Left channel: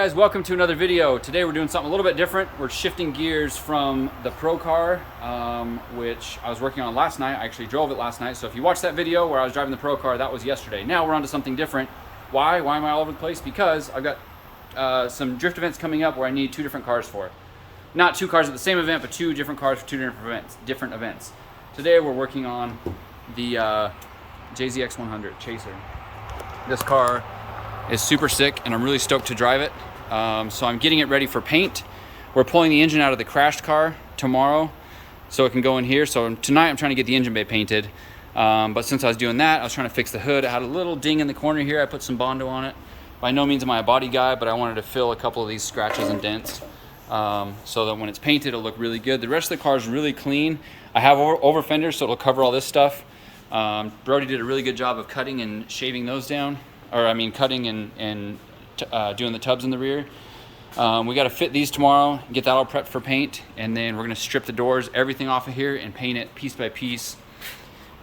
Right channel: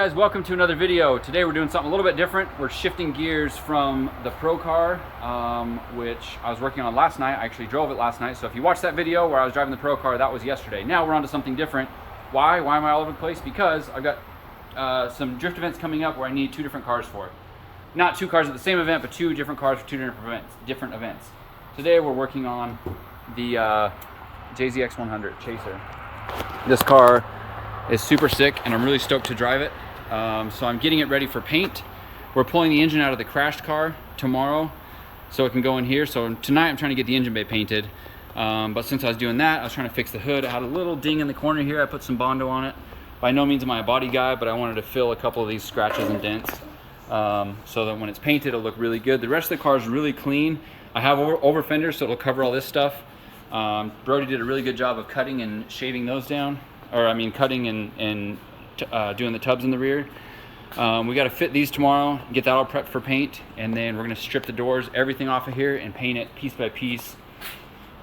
guys, welcome to another video. Today we're doing something a little bit different. We're shifting gears from the Pro car, which I was working on last night. I actually drove it last night. So if you watched that video where I was driving the Pro car, that was yesterday. Now we're on to something different. Why am I all over the place? Because I've got some drift events coming up where I need two different cars for. Not two cars at the same event, but two different cars for two different events. Today we're working on the JZX100 Chaser. This car is super sick and I'm really stoked to drive it. So I'm getting it ready for paint. We're pulling the engine out of the crashed car tomorrow so it can go in here. So tonight I'm trying to get the engine bay painted. But since I was doing that, I was trying to fix the hood. It had a little ding in the corner here. I put some Bondo on it. By no means am I a body guy, but I wanted to fill a couple of these scratches and dents so that when it's painted, it'll look really good. The rest of the car is really clean. I have over fenders, so it'll cover all this stuff. Brody did a really good job of cutting and shaving those down. Or I mean cutting and doing the tubs in the rear. We got to fit these tomorrow, get that all prepped for paint, and then we're going to strip the doors, everything off of here, and paint it piece by piece.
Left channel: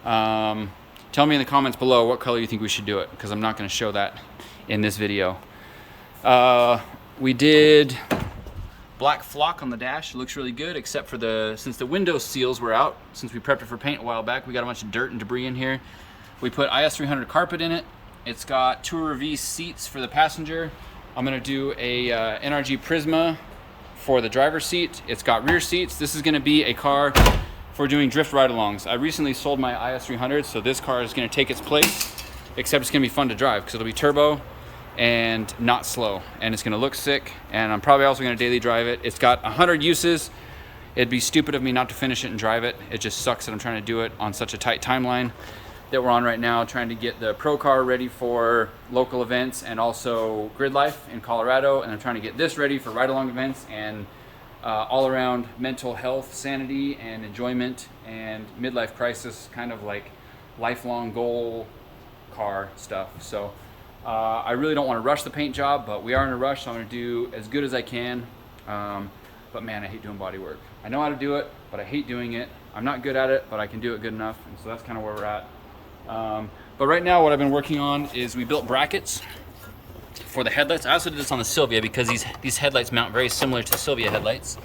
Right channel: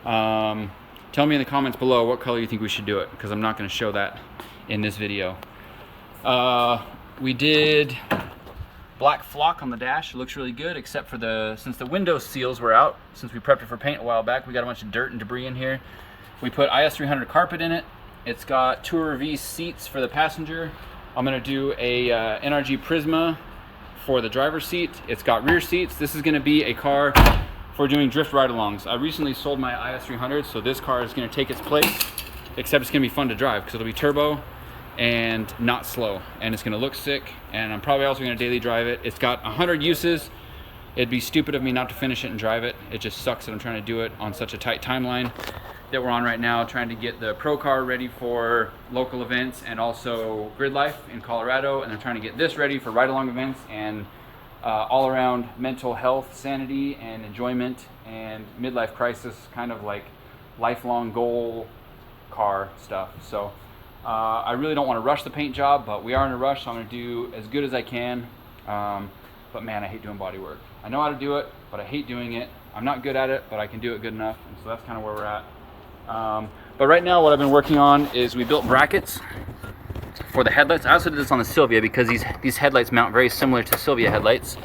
Tell me in the comments below what color you think we should do it, because I'm not going to show that in this video. We did black flock on the dash. It looks really good, except for since the window seals were out, since we prepped it for paint a while back, we got a bunch of dirt and debris in here. We put IS300 carpet in it. It's got Tour V seats for the passenger. I'm gonna do a NRG Prisma for the driver's seat. It's got rear seats. This is gonna be a car for doing drift ride-alongs. I recently sold my IS300, so this car is gonna take its place, except it's gonna be fun to drive because it'll be turbo and not slow, and it's gonna look sick, and I'm probably also gonna daily drive it. It's got 100 uses. It'd be stupid of me not to finish it and drive it. It just sucks that I'm trying to do it on such a tight timeline that we're on right now, trying to get the Pro car ready for local events and also grid life in Colorado, and I'm trying to get this ready for ride-along events and all around mental health, sanity, and enjoyment and midlife crisis, kind of like lifelong goal car stuff. So I really don't want to rush the paint job, but we are in a rush, so I'm going to do as good as I can. But man, I hate doing body work. I know how to do it, but I hate doing it. I'm not good at it, but I can do it good enough, and so that's kind of where we're at. But right now what I've been working on is we built brackets for the headlights. I also did this on the Silvia because these headlights mount very similar to Silvia headlights.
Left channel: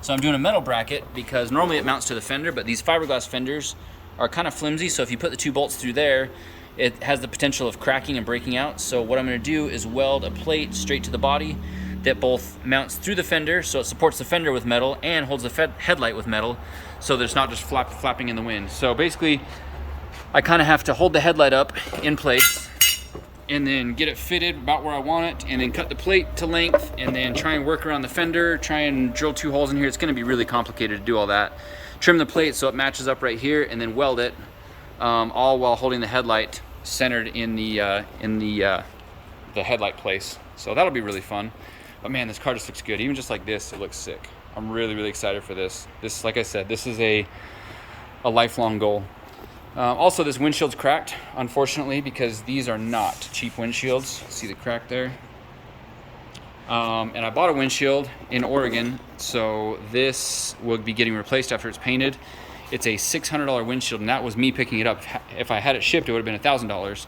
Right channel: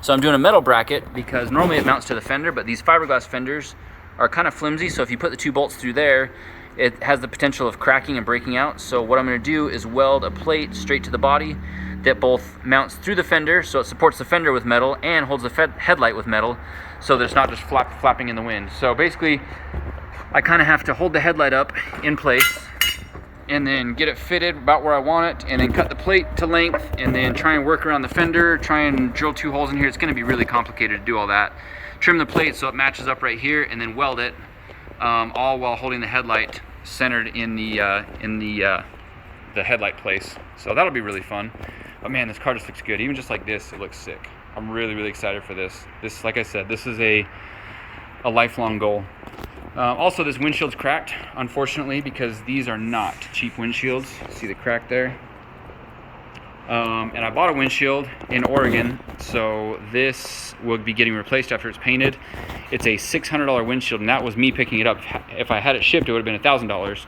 So I'm doing a metal bracket because normally it mounts to the fender, but these fiberglass fenders are kind of flimsy. So if you put the two bolts through there, it has the potential of cracking and breaking out. So what I'm going to do is weld a plate straight to the body that both mounts through the fender, so it supports the fender with metal and holds the headlight with metal, so there's not just flapping in the wind. So basically, I kind of have to hold the headlight up in place and then get it fitted about where I want it, and then cut the plate to length, and then try and work around the fender, try and drill two holes in here. It's going to be really complicated to do all that. Trim the plate so it matches up right here, and then weld it, all while holding the headlight centered in the headlight place. So that'll be really fun. But man, this car just looks good. Even just like this, it looks sick. I'm really, really excited for this. This, like I said, this is a lifelong goal. Also, this windshield's cracked, unfortunately, because these are not cheap windshields. See the crack there? And I bought a windshield in Oregon, so this will be getting replaced after it's painted. It's a $600 windshield, and that was me picking it up. If I had it shipped, it would have been $1,000.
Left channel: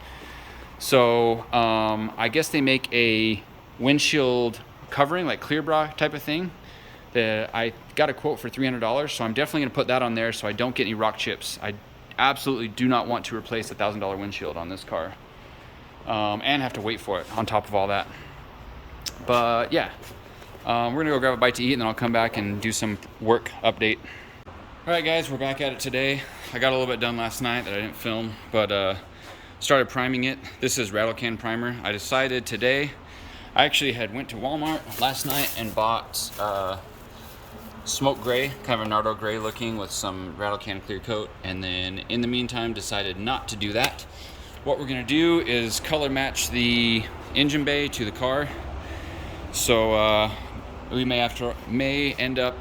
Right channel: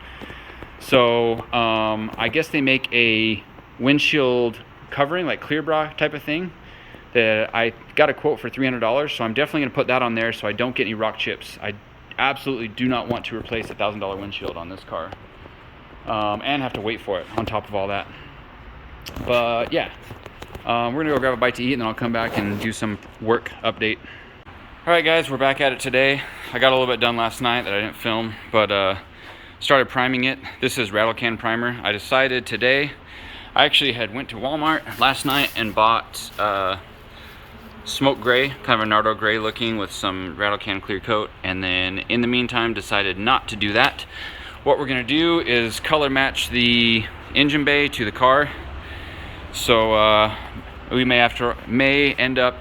So I guess they make a windshield covering, like clear bra type of thing, that I got a quote for $300, so I'm definitely going to put that on there so I don't get any rock chips. I absolutely do not want to replace a $1,000 windshield on this car and have to wait for it on top of all that. But yeah, we're gonna go grab a bite to eat, and then I'll come back and do some work update. All right guys, we're back at it today. I got a little bit done last night that I didn't film, but started priming it. This is rattle can primer. I decided today, I actually went to Walmart last night and bought smoke gray, kind of a Nardo gray looking with some rattle can clear coat, and then in the meantime decided not to do that. What we're gonna do is color match the engine bay to the car. So we may end up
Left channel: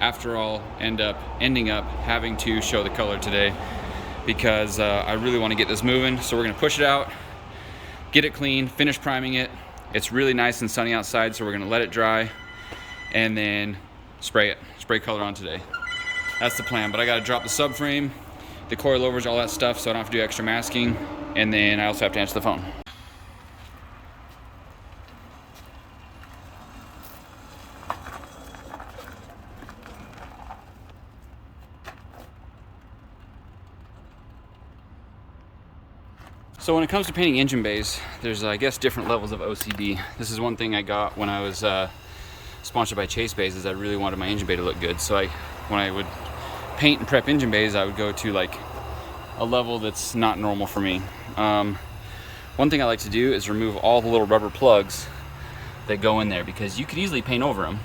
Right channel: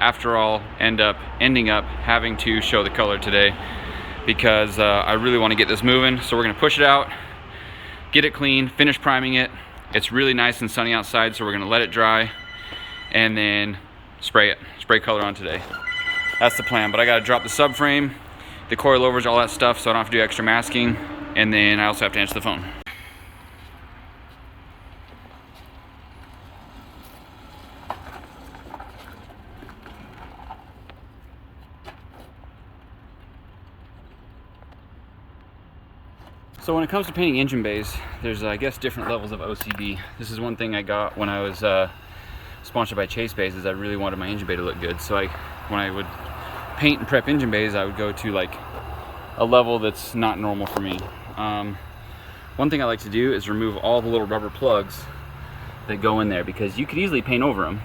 ending up having to show the color today, because I really want to get this moving. So we're gonna push it out, get it clean, finish priming it. It's really nice and sunny outside, so we're gonna let it dry and then spray color on today. That's the plan. But I gotta drop the subframe, the coilovers, all that stuff, so I don't have to do extra masking, and then I also have to answer the phone. So when it comes to painting engine bays, there's, I guess, different levels of OCD. This is one thing I got when I was sponsored by Chase Bays, is I really wanted my engine bay to look good. So when I would paint and prep engine bays, I would go to like a level that's not normal for me. One thing I like to do is remove all the little rubber plugs that go in there, because you could easily paint over them,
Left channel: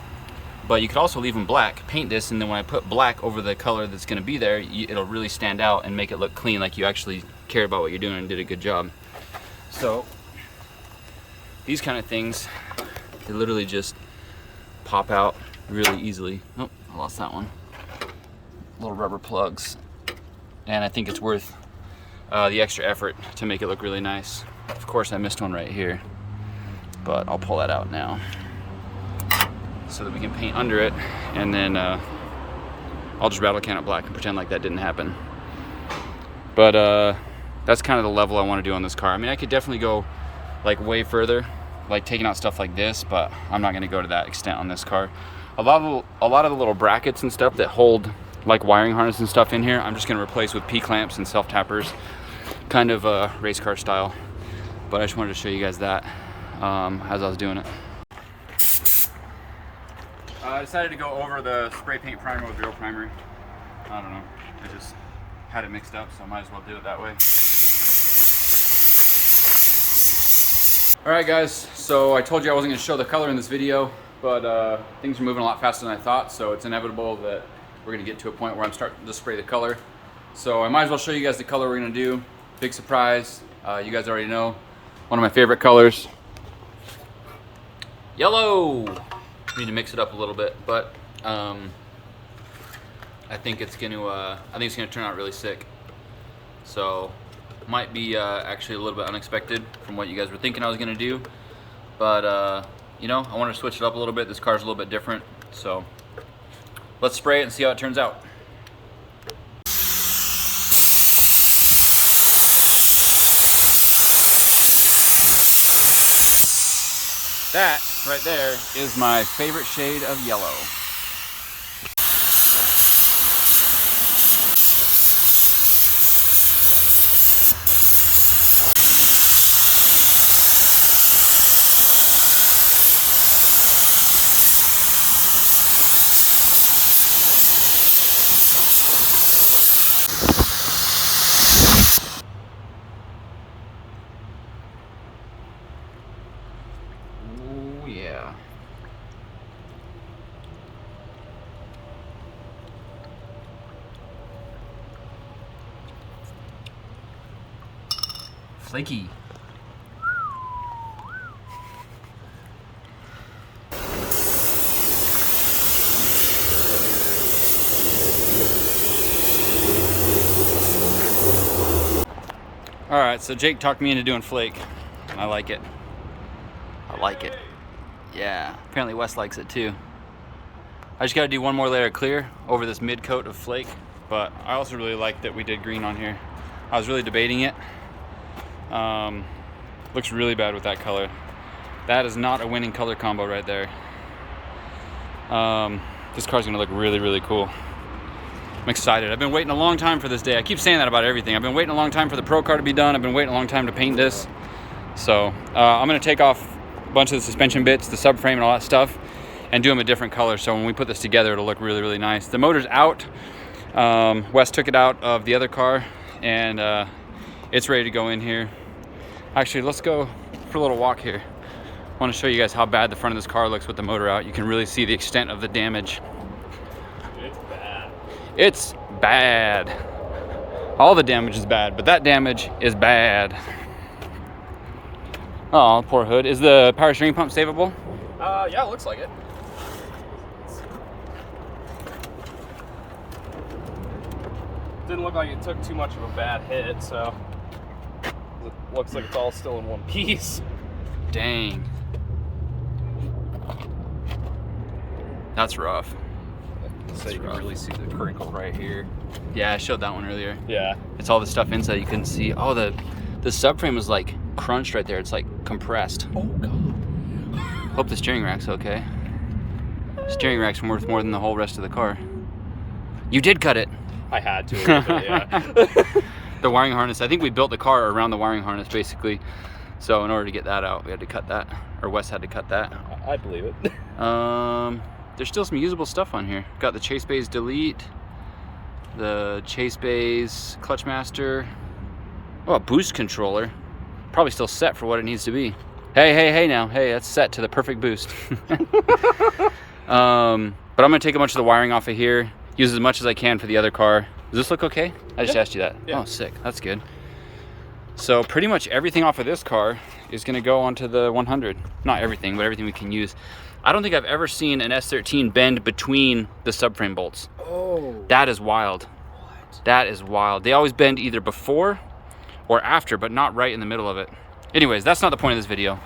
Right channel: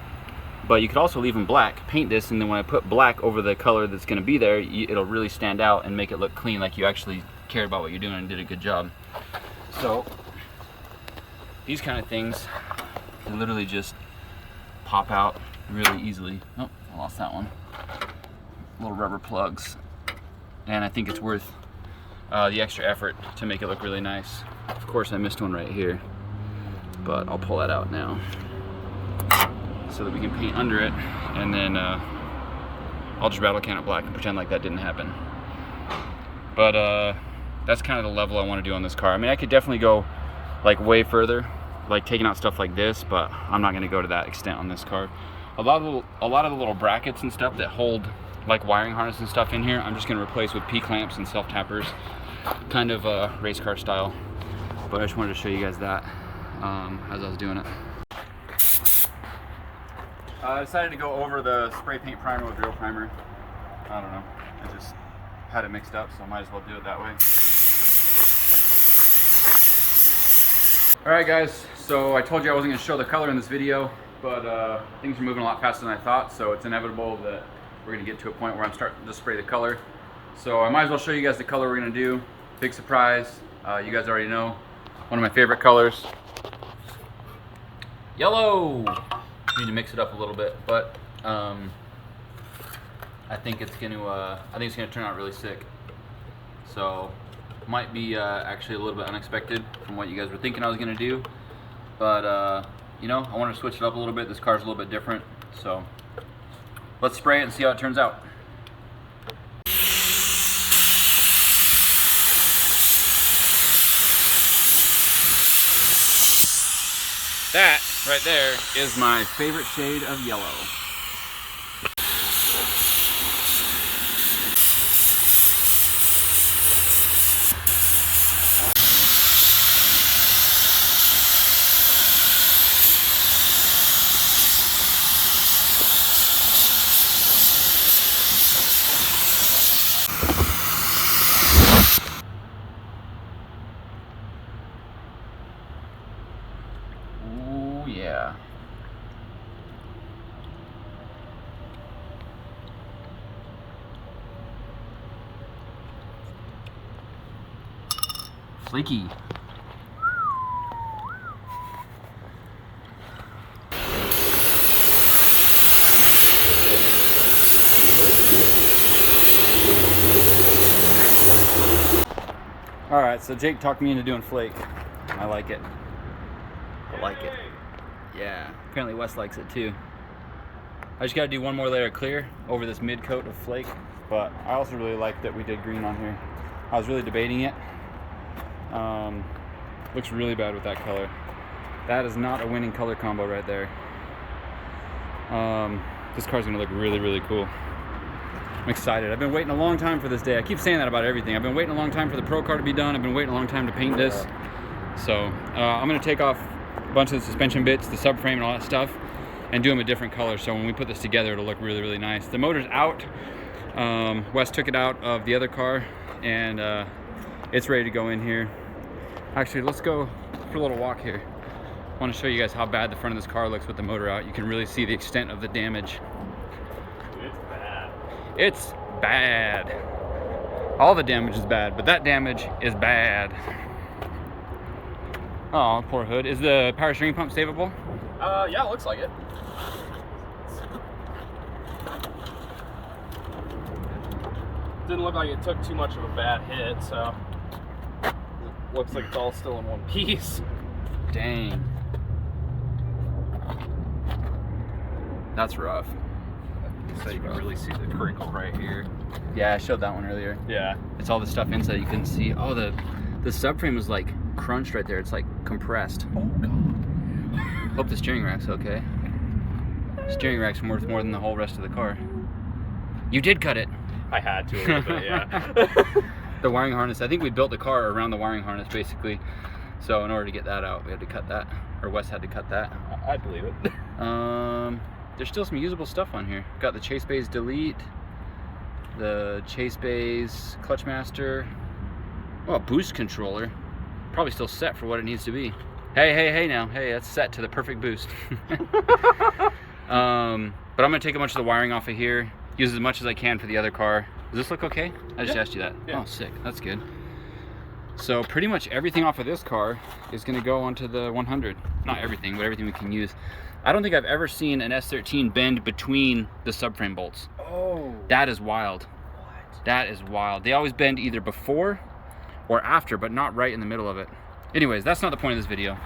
but you could also leave them black, paint this, and then when I put black over the color that's going to be there, it'll really stand out and make it look clean, like you actually cared about what you're doing and did a good job. So these kind of things, they literally just pop out really easily. Oh, I lost that one. Little rubber plugs, and I think it's worth the extra effort to make it look really nice. Of course I missed one right here, but I'll pull that out now so that we can paint under it, and then I'll just rattle can it black and pretend like that didn't happen. But that's kind of the level I want to do on this car. I mean, I could definitely go like way further, like taking out stuff like this, but I'm not going to go to that extent on this car. A lot of the little brackets and stuff that hold like wiring harness and stuff in here, I'm just going to replace with P-clamps and self-tappers, kind of race car style. But I just wanted to show you guys that as I was doing it. I decided to go over the spray paint primer with real primer. I don't know, I just had it mixed up, so I might as well do it that way. Alright guys, so I told you I wasn't going to show the color in this video, but things are moving a lot faster than I thought, so it's inevitable that we're going to get to a point where I'm starting to spray the color. So I might as well show you guys the color we're going to do. Big surprise, you guys already know. One of my favorite colors. Yellow! Need to mix it up a little bit, but I think it's going to turn out really sick. So might be actually a little bit unexpected from what you guys were thinking I was going to do, but you know, I want to switch it up a little bit. This car's a little bit different, so let's spray it and see how it turns out. That right there is my favorite shade of yellow. Yeah. Flaky. All right, so Jake talked me into doing flake. I like it. I like it. Yeah, apparently Wes likes it too. I just gotta do one more layer of clear over this mid coat of flake, but I also really like that we did green on here. I was really debating it. Looks really bad with that color. That is not a winning color combo right there. This car's gonna look really, really cool. I'm excited. I've been waiting a long time for this day. I keep saying that about everything. I've been waiting a long time for the Pro car to be done. I've been waiting a long time to paint this. So I'm gonna take off a bunch of the suspension bits, the subframe and all that stuff, and do them a different color, so when we put this together it'll look really, really nice. The motor's out. Wes took it out of the other car, and it's ready to go in here. Actually, let's go for a little walk here. I want to show you guys how bad the front of this car looks with the motor out. You can really see the extent of the damage. It's bad. It's bad. All the damage is bad, but that damage is bad. Oh, poor hood. Is the power steering pump savable? Yeah, it looks like it. Didn't look like it took too much of a bad hit, so it looks like it's all still in one piece. Dang. That's rough. So you can really see the crinkle right here. Yeah, I showed that one earlier. Yeah. It's all the stuff inside you can see. Oh, the subframe is like crunched right there. It's like compressed. Oh god. Hope the steering rack's okay. Steering rack's worth more than the whole rest of the car. You did cut it. I had to, but yeah. the wiring harness. I think we built the car around the wiring harness basically. So in order to get that out, we had to cut that, or Wes had to cut that. I believe it. There's still some usable stuff on here. Got the Chase Bays delete, the Chase Bays clutch master. Oh, a boost controller. Probably still set for what it needs to be. Hey now. Hey, that's set to the perfect boost. But I'm gonna take a bunch of the wiring off of here, use as much as I can for the other car. Does this look okay? I just asked you that. Yeah. Oh, sick. That's good. So pretty much everything off of this car is gonna go onto the 100. Not everything, but everything we can use. I don't think I've ever seen an S13 bend between the subframe bolts. Oh. That is wild. What? That is wild. They always bend either before or after, but not right in the middle of it. Anyways, that's not the point of this video.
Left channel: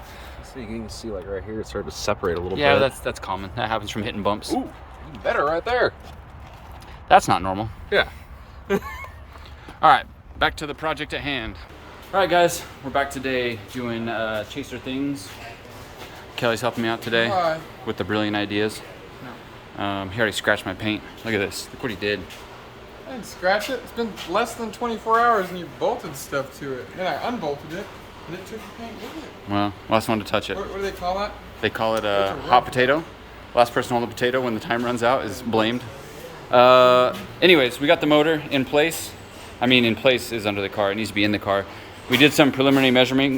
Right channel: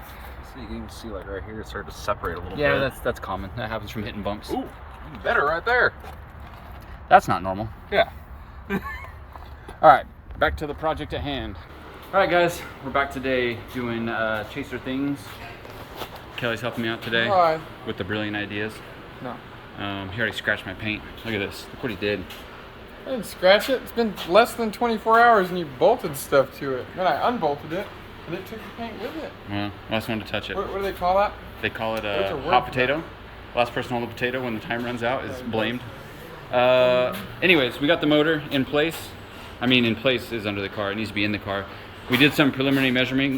So you can see like right here, it's starting to separate a little bit. Yeah, that's common. That happens from hitting bumps. Ooh, even better right there. That's not normal. Yeah. All right, back to the project at hand. All right, guys, we're back today doing Chaser things. Kelly's helping me out today. Hi. With the brilliant ideas. No. He already scratched my paint. Look at this. Look what he did. I didn't scratch it. It's been less than 24 hours and you bolted stuff to it. Then I unbolted it and it took the paint with it. Well, last one to touch it. What do they call that? They call it a hot potato. Last person to hold the potato when the time runs out is blamed. Anyways, we got the motor in place. I mean, in place is under the car. It needs to be in the car. We did some preliminary measuring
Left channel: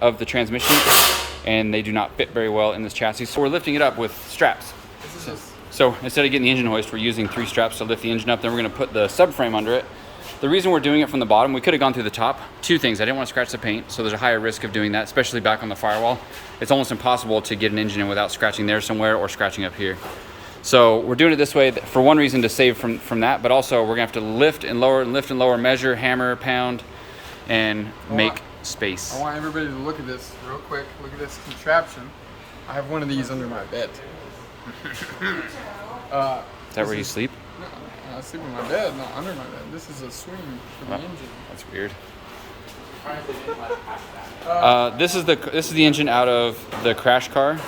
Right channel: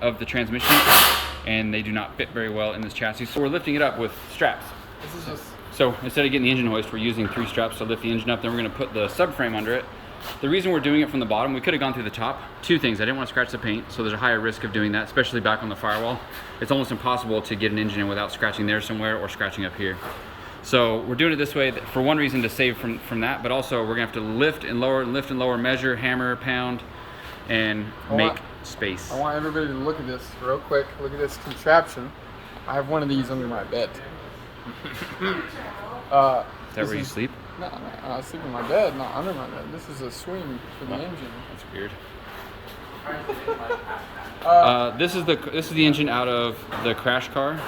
of the transmission, and they do not fit very well in this chassis. So we're lifting it up with straps. This is just... So instead of getting the engine hoist, we're using 3 straps to lift the engine up. Then we're going to put the subframe under it. The reason we're doing it from the bottom, we could have gone through the top. 2 things. I didn't want to scratch the paint, so there's a higher risk of doing that, especially back on the firewall. It's almost impossible to get an engine in without scratching there somewhere or scratching up here. So we're doing it this way for one reason, to save from that, but also we're going to have to lift and lower, measure, hammer, pound, and make space. I want everybody to look at this real quick. Look at this contraption. I have one of these under my bed. Is that where you sleep? No, I sleep in my bed, not under my bed. This is a swing for the engine. That's weird. This is the engine out of the crash car.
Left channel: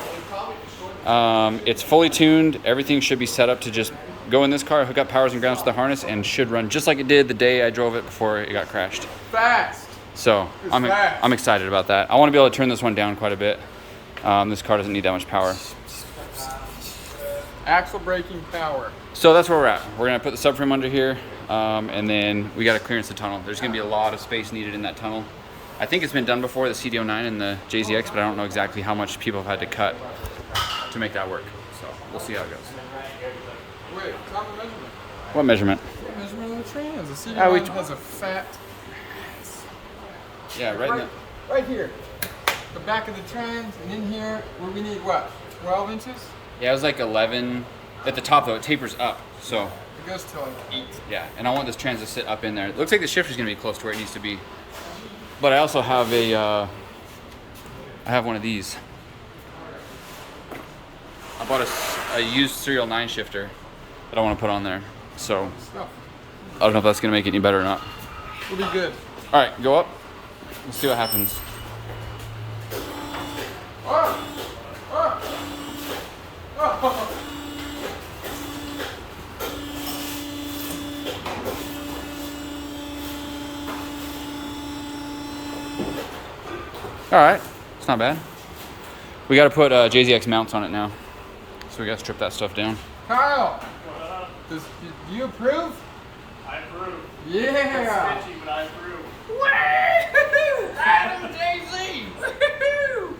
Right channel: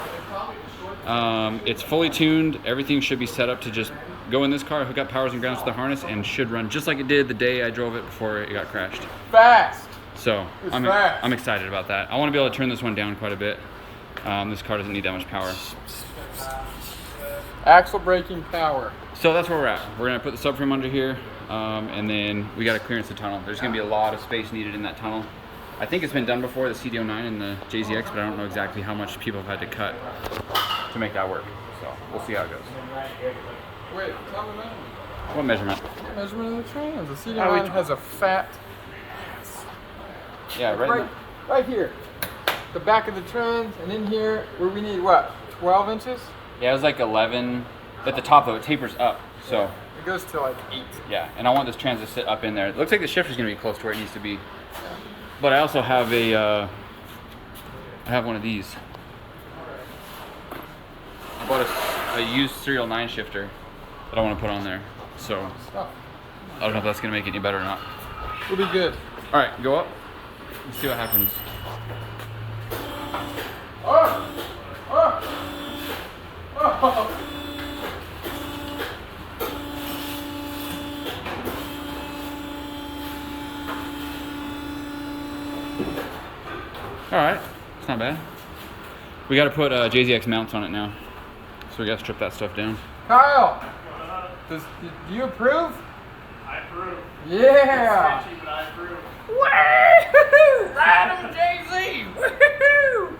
It's fully tuned. Everything should be set up to just go in this car, hook up powers and grounds to the harness, and should run just like it did the day I drove it before it got crashed. Fast! So I'm excited about that. I want to be able to turn this one down quite a bit. This car doesn't need that much power. Axle braking power. So that's where we're at. We're gonna put the subframe under here, and then we gotta clearance the tunnel. There's gonna be a lot of space needed in that tunnel. I think it's been done before, the CDO9 and the JZX, but I don't know exactly how much people have had to cut to make that work. So we'll see how it goes. Wait, tell me the measurement. What measurement? Measurement of the trans. The CDO9 has a fat ass. Yeah, right here. The back of the trans, and in here, where we need what? 12 inches? Yeah, it was like 11. At the top though, it tapers up, so. It goes to like 8. Yeah, and I want this trans to sit up in there. It looks like the shifter's gonna be close to where it needs to be. But I also have I have one of these. I bought a used Serial 9 shifter that I want to put on there. So, I don't know if that's gonna make it any better or not. It'll be good. All right, go up. Let's see what happens. Oh! Oh! Oh! All right, it's not bad. We got to put JZX mounts on it now, so we got to strip that stuff down. Kyle, do you approve? I approve. Yeah. Sketchy, but I approve. Woo-hoo! Ride on JZ! Woo-hoo!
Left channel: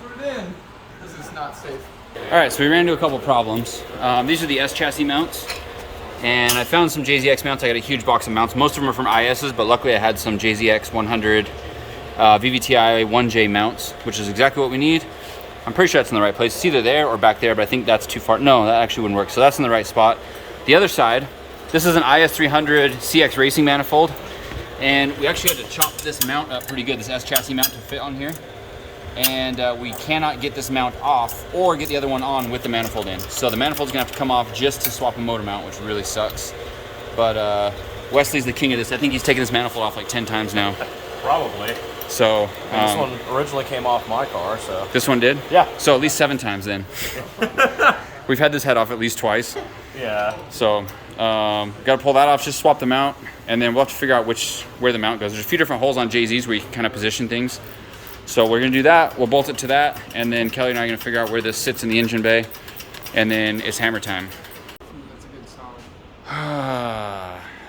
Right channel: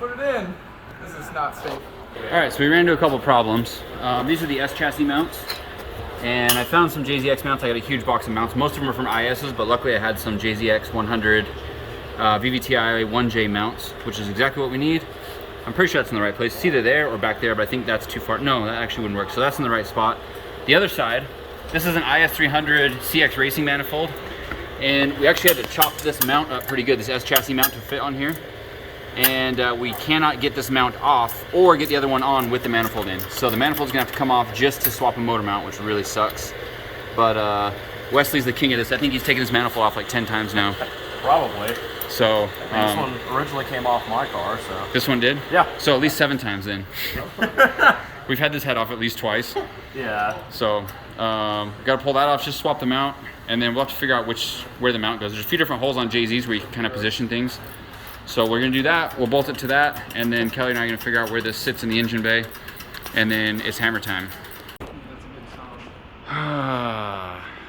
Put it in. This is not safe. All right, so we ran into a couple problems. These are the S chassis mounts, and I found some JZX mounts. I got a huge box of mounts. Most of them are from IS's, but luckily I had some JZX100 VVTi 1J mounts, which is exactly what we need. I'm pretty sure that's in the right place. It's either there or back there, but I think that's too far. No, that actually wouldn't work. So that's in the right spot. The other side, this is an IS300 CX racing manifold, and we actually had to chop this mount up pretty good, this S chassis mount, to fit on here. And we cannot get this mount off or get the other one on with the manifold in. So the manifold's gonna have to come off just to swap a motor mount, which really sucks. But Wesley's the king of this. I think he's taken this manifold off like 10 times now. Probably. So this one originally came off my car, so. This one did? Yeah. So at least 7 times then. We've had this head off at least twice. Yeah. So Got to pull that off, just swap the mount, and then we'll have to figure out where the mount goes. There's a few different holes on JZ's where you can kind of position things. So we're gonna do that. We'll bolt it to that, and then Kelly and I are gonna figure out where this sits in the engine bay, and then it's hammer time. That's a good song.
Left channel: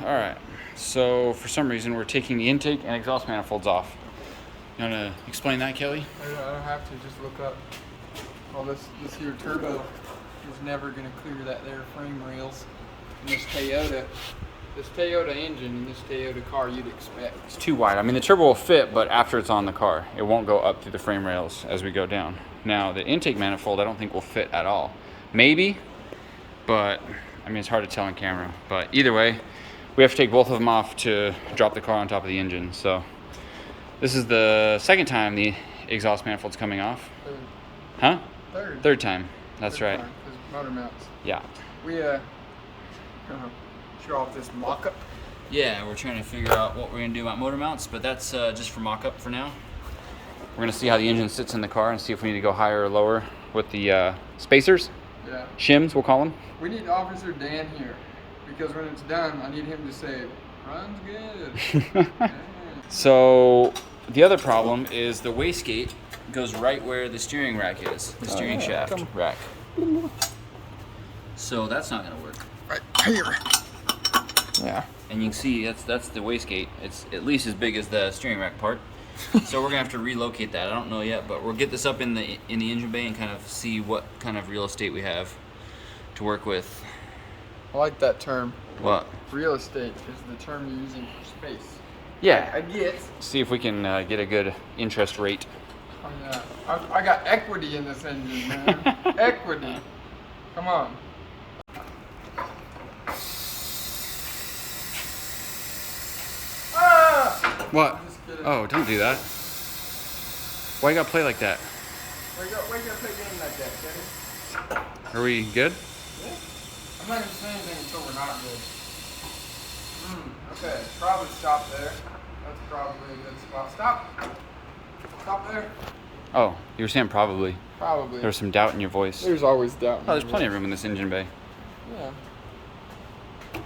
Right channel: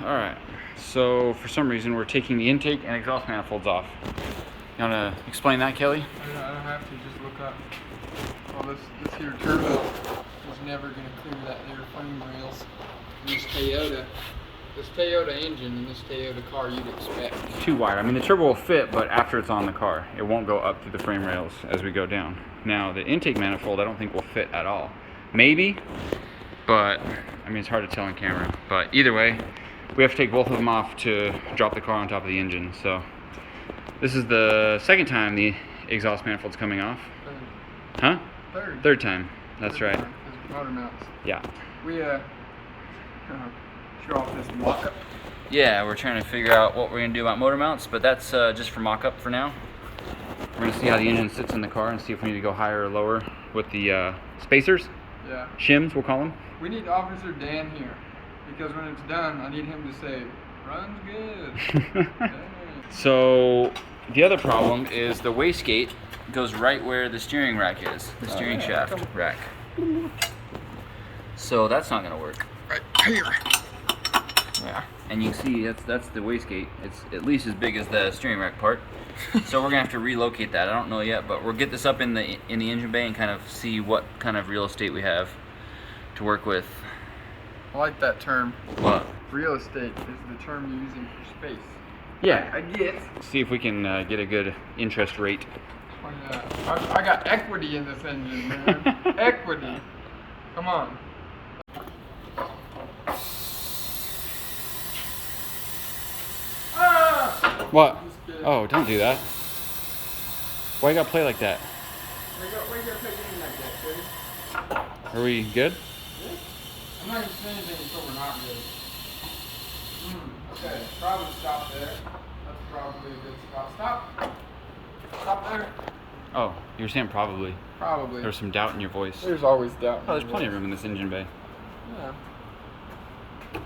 All right. So for some reason, we're taking the intake and exhaust manifolds off. You wanna explain that, Kelly? I don't have to. Just look up. Well, this here turbo is never gonna clear that there frame rails. And this Toyota engine and this Toyota car, you'd expect. It's too wide. I mean, the turbo will fit, but after it's on the car, it won't go up through the frame rails as we go down. Now, the intake manifold, I don't think will fit at all. Maybe, but I mean, it's hard to tell on camera. But either way, we have to take both of them off to drop the car on top of the engine. So this is the second time the exhaust manifold's coming off. Huh? Third time. That's right. Because motor mounts. Yeah. We show off this mock-up. Yeah, we're trying to figure out what we're gonna do about motor mounts, but that's just for mock-up for now. We're gonna see how the engine sits in the car and see if we need to go higher or lower with the spacers. Yeah. Shims, we'll call them. We need Officer Dan here, because when it's done, I need him to say, "Runs good." Yeah. So the other problem is the wastegate goes right where the steering rack is, the steering shaft rack. So that's not gonna work. Right here. Yeah. And you can see that's the wastegate. It's at least as big as the steering rack part. So we're gonna have to relocate that. I don't know yet, but we'll get this up in the engine bay and kind of see what kind of real estate we have to work with. I like that term. What? Real estate is the term you're using for space. Yeah. I get. See if we can get a good interest rate. Oh yeah. I got equity in this engine, man. Equity. Come on. What? Just kidding. Oh, don't do that. Why you gotta play like that? Why you gotta play games like that, Teddy? Are we good? Good? I'm not gonna say anything until we're not good. Okay, probably stop there. That's probably a good spot. Stop. Stop there. Oh, you were saying probably. Probably. There was some doubt in your voice. There's always doubt. Oh, there's plenty of room in this engine bay. Yeah.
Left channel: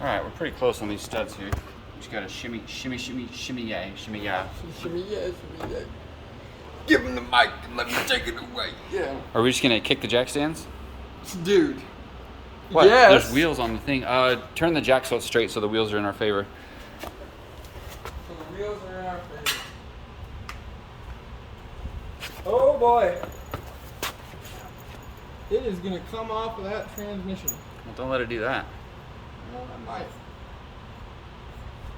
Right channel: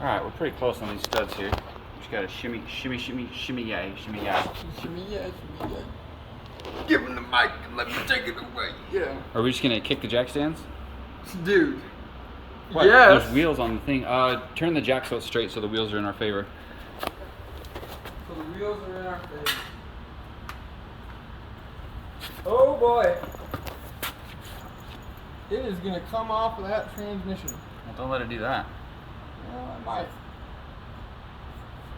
All right, we're pretty close on these studs here. Just gotta shimmy, shimmy, shimmy, shimmy, yay, shimmy, yay. Shimmy, yeah, shimmy, yeah. Give him the mic and let me take it away. Yeah. Are we just gonna kick the jack stands? Dude. What? Yes. There's wheels on the thing. Turn the jack so it's straight so the wheels are in our favor. So the wheels are in our favor. Oh boy. It is gonna come off of that transmission. Well, don't let it do that. Yeah, I might.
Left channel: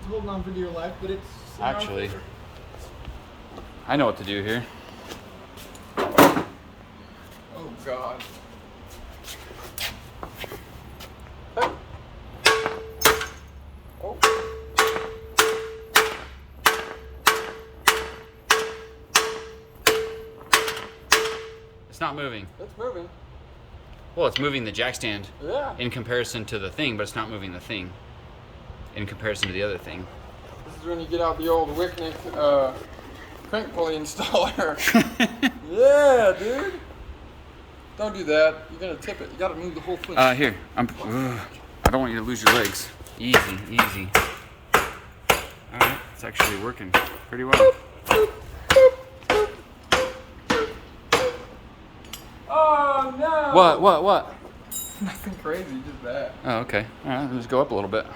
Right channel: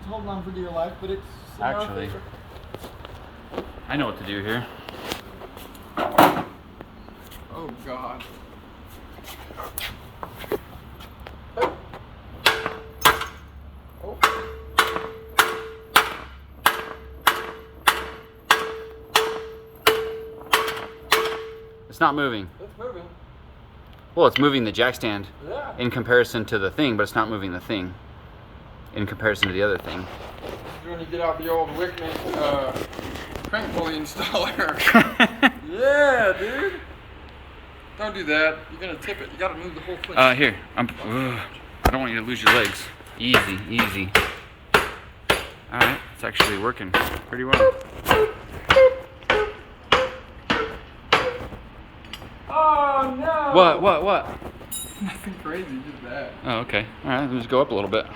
It's holding on for dear life, but it's in our Actually, favor. I know what to do here. Oh God. Oh. It's not moving. It's moving. Well, it's moving the jack stand Yeah. in comparison to the thing, but it's not moving the thing in comparison to the other thing. This is when you get out the old Whitney crank pulley installer. Yeah, dude. Don't do that. You're gonna tip it. You gotta move the whole thing. Here. I don't want you to lose your legs. Easy, easy. All right, it's actually working pretty well. Oh no! What? Nothing crazy, just that. Oh, okay. All right, let's go up a little bit.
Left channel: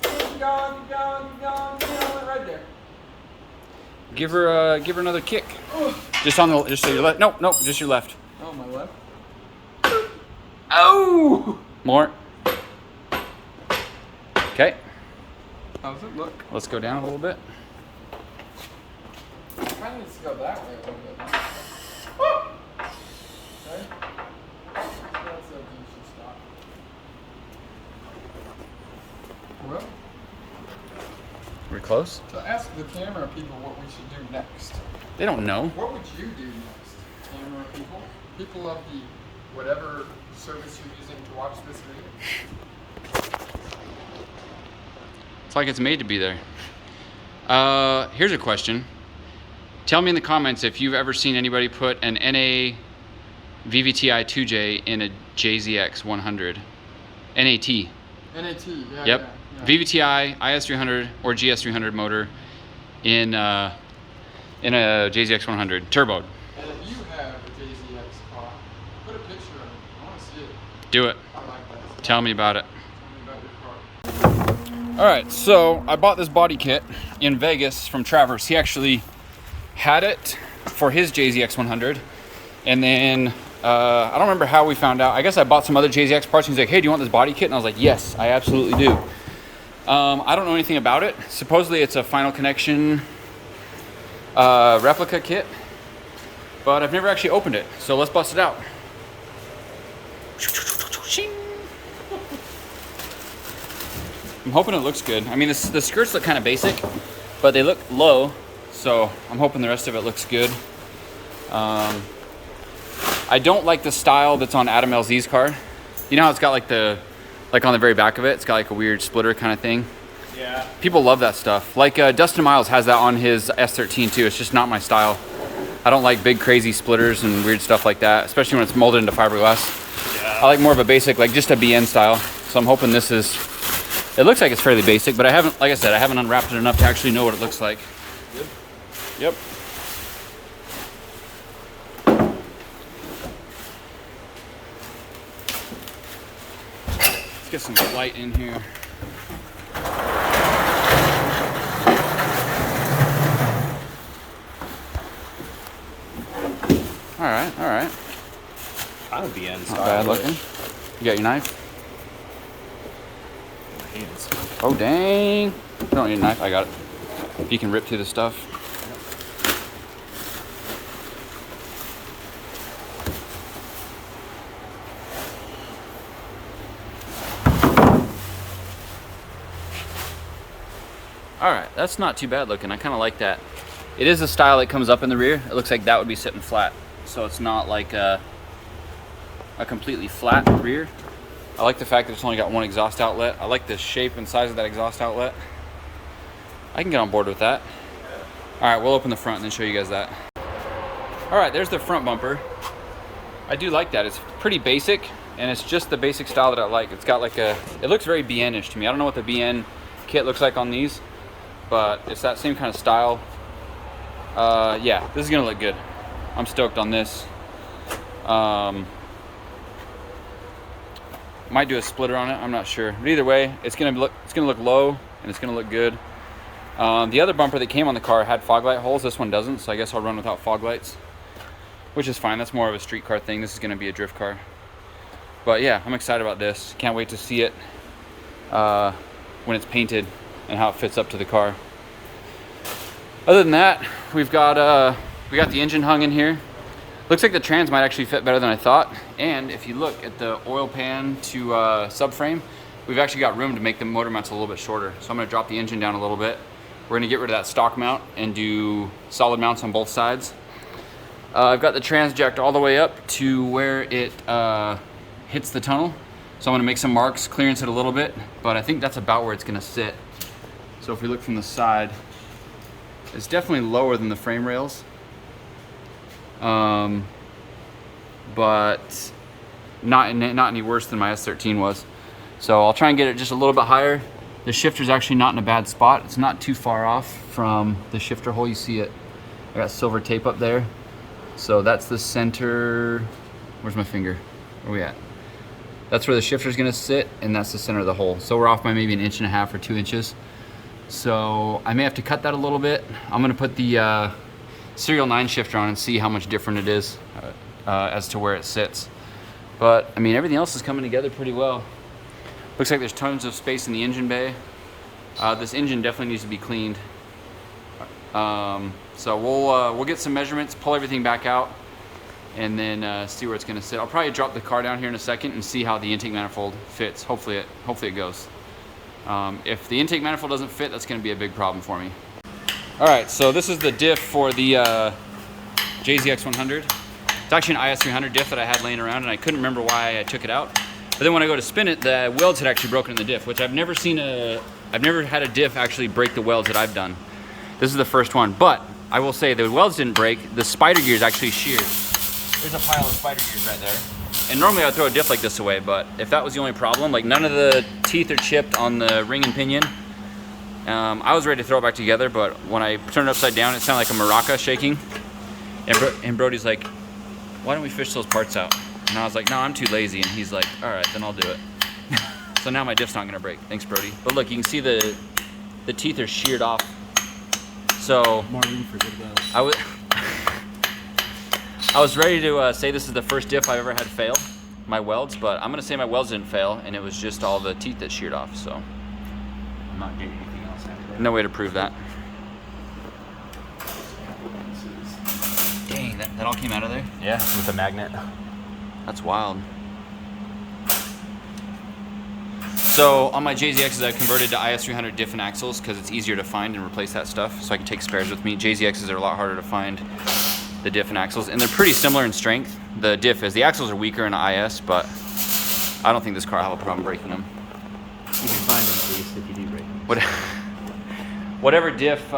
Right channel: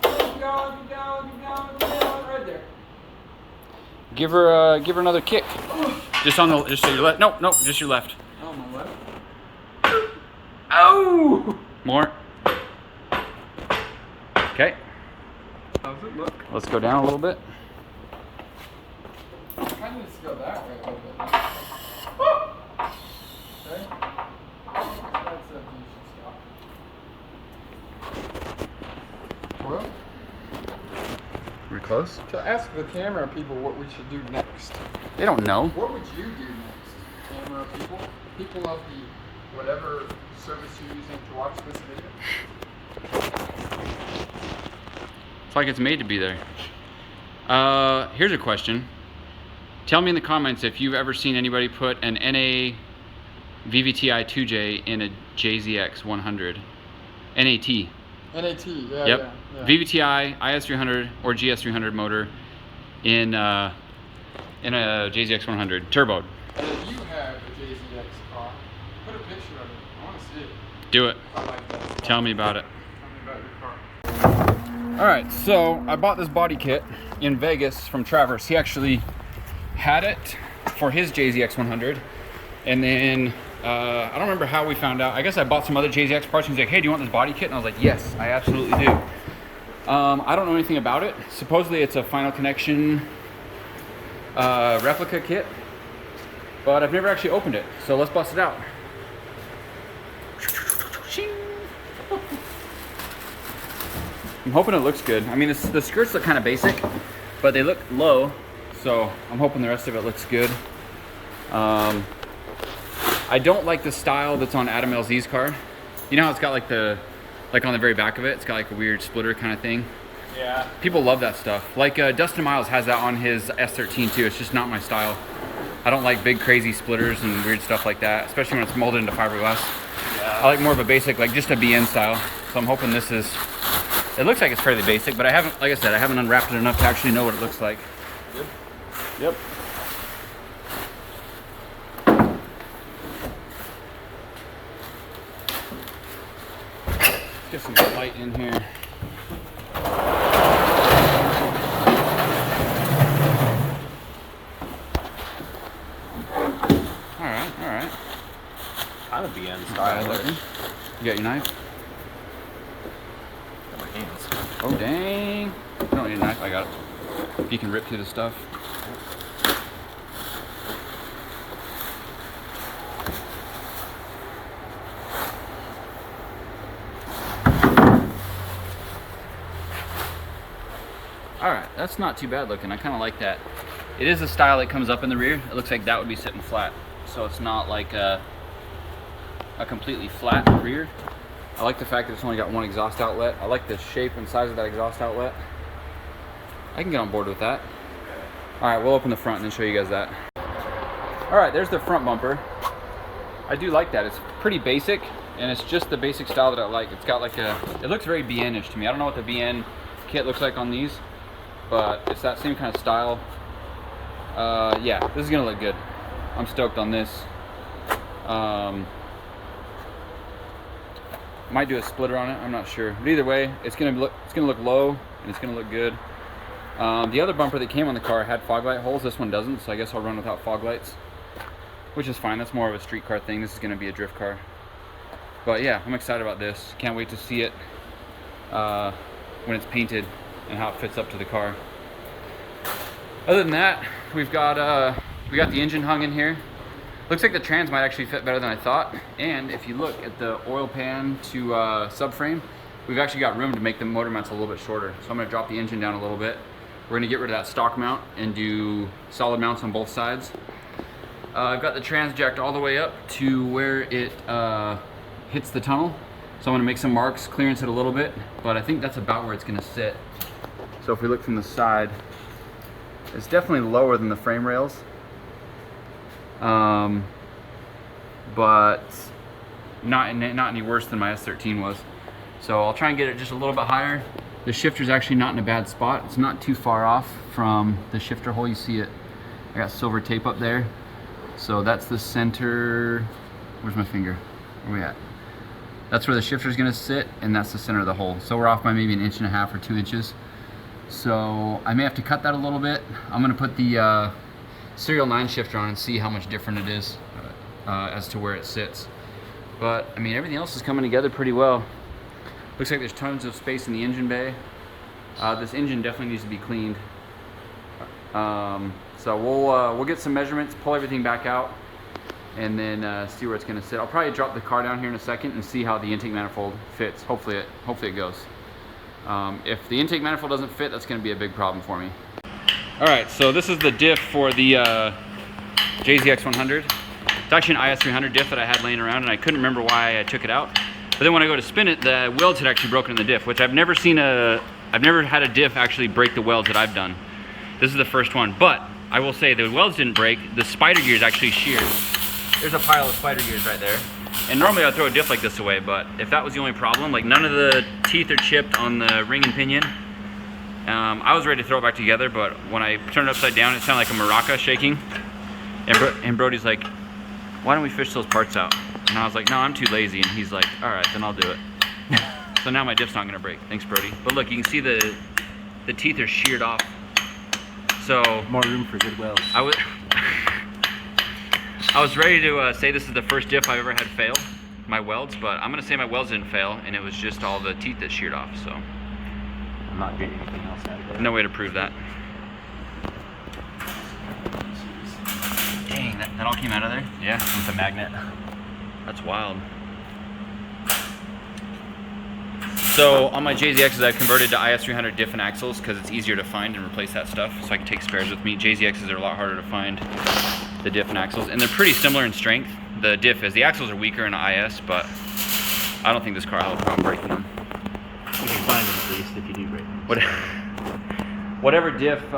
Keep going, right there. Give her another kick. Just to your left. Nope, just your left. On my left. Oh! More. Okay. How's it look? Let's go down a little bit. Kind of needs to go that way a little bit. Okay. That's it. You should stop. Well, We're close. to ask the camera people what we should do next. They don't know. What would you do next, camera people? People of the whatever service you're using to watch this video. It's like it's made to be there. Here's a question. Tell me in the comments if you've ever seen anybody put an NA VVTi 2J in a JZX100 NAT. NAT, yeah. Yep. Yeah. VVTi IS300 or GS300 motor in a JZX100 turboed. And if you have a JZX car, put a picture of it. I want to see it. Do it. I like that stuff. Tell me about it. Tell me about your car. All right, so I bought this body kit in Vegas from Travers. He actually had it for his JZX100, and then I don't remember how we found out. I guess I bought some other JZX parts, and he's like, hey, do you want this body kit? And I was like, yes, I absolutely do. I don't know anything about it. Supposedly it's a final connection replica kit, but I've never actually opened it, so let's bust it out. I'm hoping it looks good. I mean, the skirts look kind of basic, but they look low, so I'm hoping the rest of it looks good. I don't like the style that's on Adam LZ's car. You know how it's got like on the very back of it, it's got like a weird splitter kind of thing. Yeah. People love that stuff. Like Dustin Miles has that on his S13 too. It's just not my style. I don't like big crazy splitters and weird stuff like that, especially when it's molded into fiberglass. Yeah. I like more of a basic, like just a BN style. So I'm hoping this is, it looks like it's fairly basic, but I haven't, like I said, I haven't unwrapped it enough to actually know what it looks like. Good. Yep. Let's get some light in here. All right. Kind of BN Not style. bad looking. You got your knife? My hands. Oh, dang. You don't need a knife. I got it. You can rip through the stuff. All right, that's not too bad looking. I kind of like that. It is a style that comes up in the rear. It looks like that would be sitting flat. So it's not like a completely flat rear. I like the fact that it's only got one exhaust outlet. I like the shape and size of that exhaust outlet. I can get on board with that. All right, we'll open the front and then show you guys that. All right, there's the front bumper. I do like that. It's pretty basic, and it's just the basic style that I like. It's got like a, it looks very BN-ish to me. I don't know what the BN kit looks like on these, but it's that same kind of style. Yeah, this is gonna look good. I'm stoked on this. Might do a splitter on it, I'm not sure. But either way, it's gonna look low and it's gonna look good. The other bumper that came on the car had fog light holes. This one doesn't, so I guess I'll run without fog lights, which is fine. That's more of a street car thing. This is gonna be a drift car. But yeah, I'm excited about this. Can't wait to see it when it's painted and how it fits up to the car. Other than that, we got the engine hung in here. Looks like the trans might actually fit better than I thought. And if you look at the oil pan to subframe, we've actually got room to make the motor mounts a little bit shorter. So I'm gonna drop the engine down a little bit. We're gonna get rid of that stock mount and do solid mounts on both sides. I've got the trans jacked all the way up to where it hits the tunnel. So I'm gonna make some marks, clearance it a little bit, but I think that's about where it's gonna sit. So if we look from the side, it's definitely lower than the frame rails. But not any worse than my S13 was. So I'll try and get it just a little bit higher. The shifter's actually not in a bad spot. It's not too far off from the shifter hole. You see it, I got silver tape up there. So that's the center, where's my finger? Where are we at? That's where the shifter's gonna sit, and that's the center of the hole. So we're off by maybe 1.5 inches or 2 inches. So I may have to cut that a little bit. I'm gonna put the serial 9 shifter on and see how much different it is as to where it sits. But I mean, everything else is coming together pretty well. Looks like there's tons of space in the engine bay. This engine definitely needs to be cleaned. So we'll get some measurements, pull everything back out, and then see where it's gonna sit. I'll probably drop the car down here in a second and see how the intake manifold fits. Hopefully it goes. If the intake manifold doesn't fit, that's gonna be a big problem for me. All right, so this is the diff for the JZX100. It's actually an IS300 diff that I had laying around, and I couldn't remember why I took it out. But then when I go to spin it, the welds had actually broken in the diff, which I've never had a diff actually break the welds that I've done. This is the first one, but I will say the welds didn't break. The spider gears actually sheared. there's a pile of spider gears right there. And normally I'd throw a diff like this away, but if that was the only problem, like none of the teeth are chipped on the ring and pinion, I was ready to throw it back together, but when I turned it upside down, it sounded like a maraca shaking. And Brody's like, why don't we fish those parts out? And I was like, no, I'm too lazy. And he's like, all right, then I'll do it. So now my diff's not gonna break. Thanks, Brody. But look, you can see the teeth are sheared off. So more room for good welds. I was ready to say this is the first diff I've ever had fail, my welds, but I'm gonna say my welds didn't fail, and it was just all the teeth that sheared off, so. I'm not getting anything else out of it. No way to prove that. Dang, that all came out of there? Yeah, with a magnet. That's wild. So on my JZXs, I've converted to IS300 diff and axles because it's easier to find and replace that stuff, so I can take spares with me. JZXs are a lot harder to find, the diff and axles, and they're pretty similar in strength. The diff is, the axles are weaker in IS, but I don't think this car will have a problem breaking them. You can find them at least if you do break them. Whatever diff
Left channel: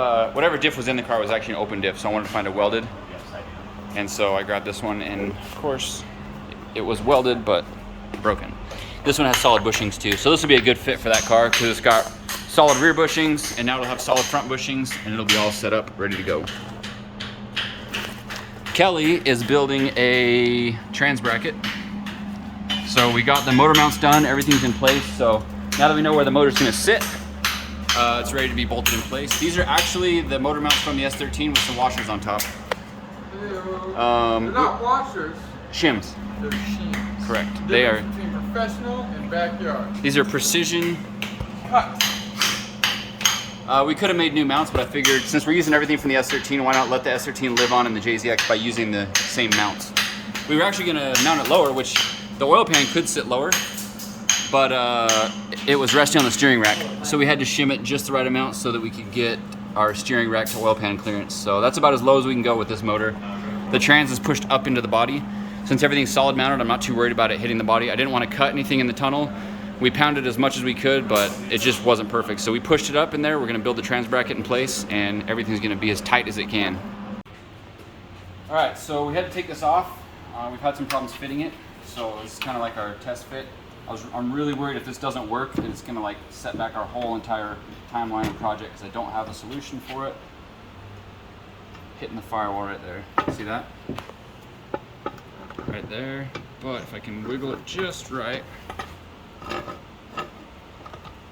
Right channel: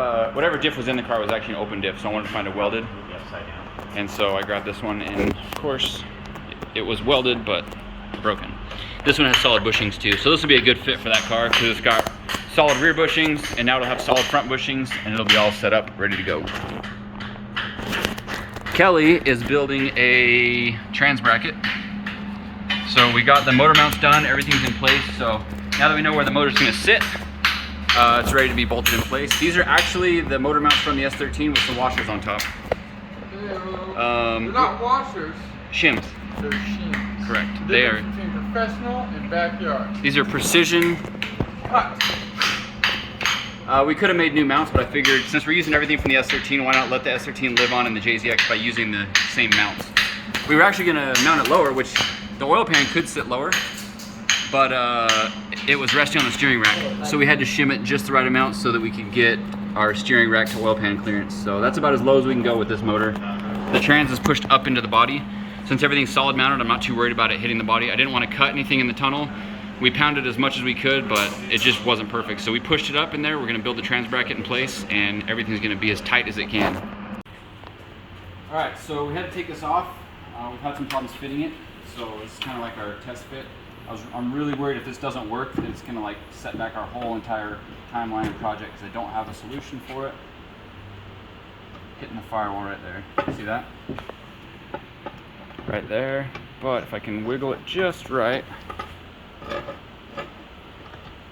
was in the car was actually an open diff, so I wanted to find a welded. It'll be upside down. And so I grabbed this one, and of course, it was welded, but broken. This one has solid bushings too, so this will be a good fit for that car because it's got solid rear bushings, and now it'll have solid front bushings, and it'll be all set up, ready to go. Kelly is building a trans bracket. So we got the motor mounts done, everything's in place, so now that we know where the motor's gonna sit, it's ready to be bolted in place. These are actually the motor mounts from the S13 with some washers on top. They're not washers. Shims. They're shims. Correct. They are. Between professional and backyard. These are precision. Cut. We could have made new mounts, but I figured since we're using everything from the S13, why not let the S13 live on in the JZX by using the same mounts? We were actually gonna mount it lower, which the oil pan could sit lower, but it was resting on the steering rack. So we had to shim it just the right amount so that we could get our steering rack to oil pan clearance. So that's about as low as we can go with this motor. The trans is pushed up into the body. Since everything's solid mounted, I'm not too worried about it hitting the body. I didn't want to cut anything in the tunnel. We pounded as much as we could, but it just wasn't perfect. So we pushed it up in there. We're gonna build the trans bracket in place, and everything's gonna be as tight as it can. All right, so we had to take this off. We've had some problems fitting it, so it's kind of like our test fit. I'm really worried if this doesn't work, then it's gonna like set back our whole entire timeline and project because I don't have a solution for it. Hitting the firewall right there. See that? Right there. But if I can wiggle it just right.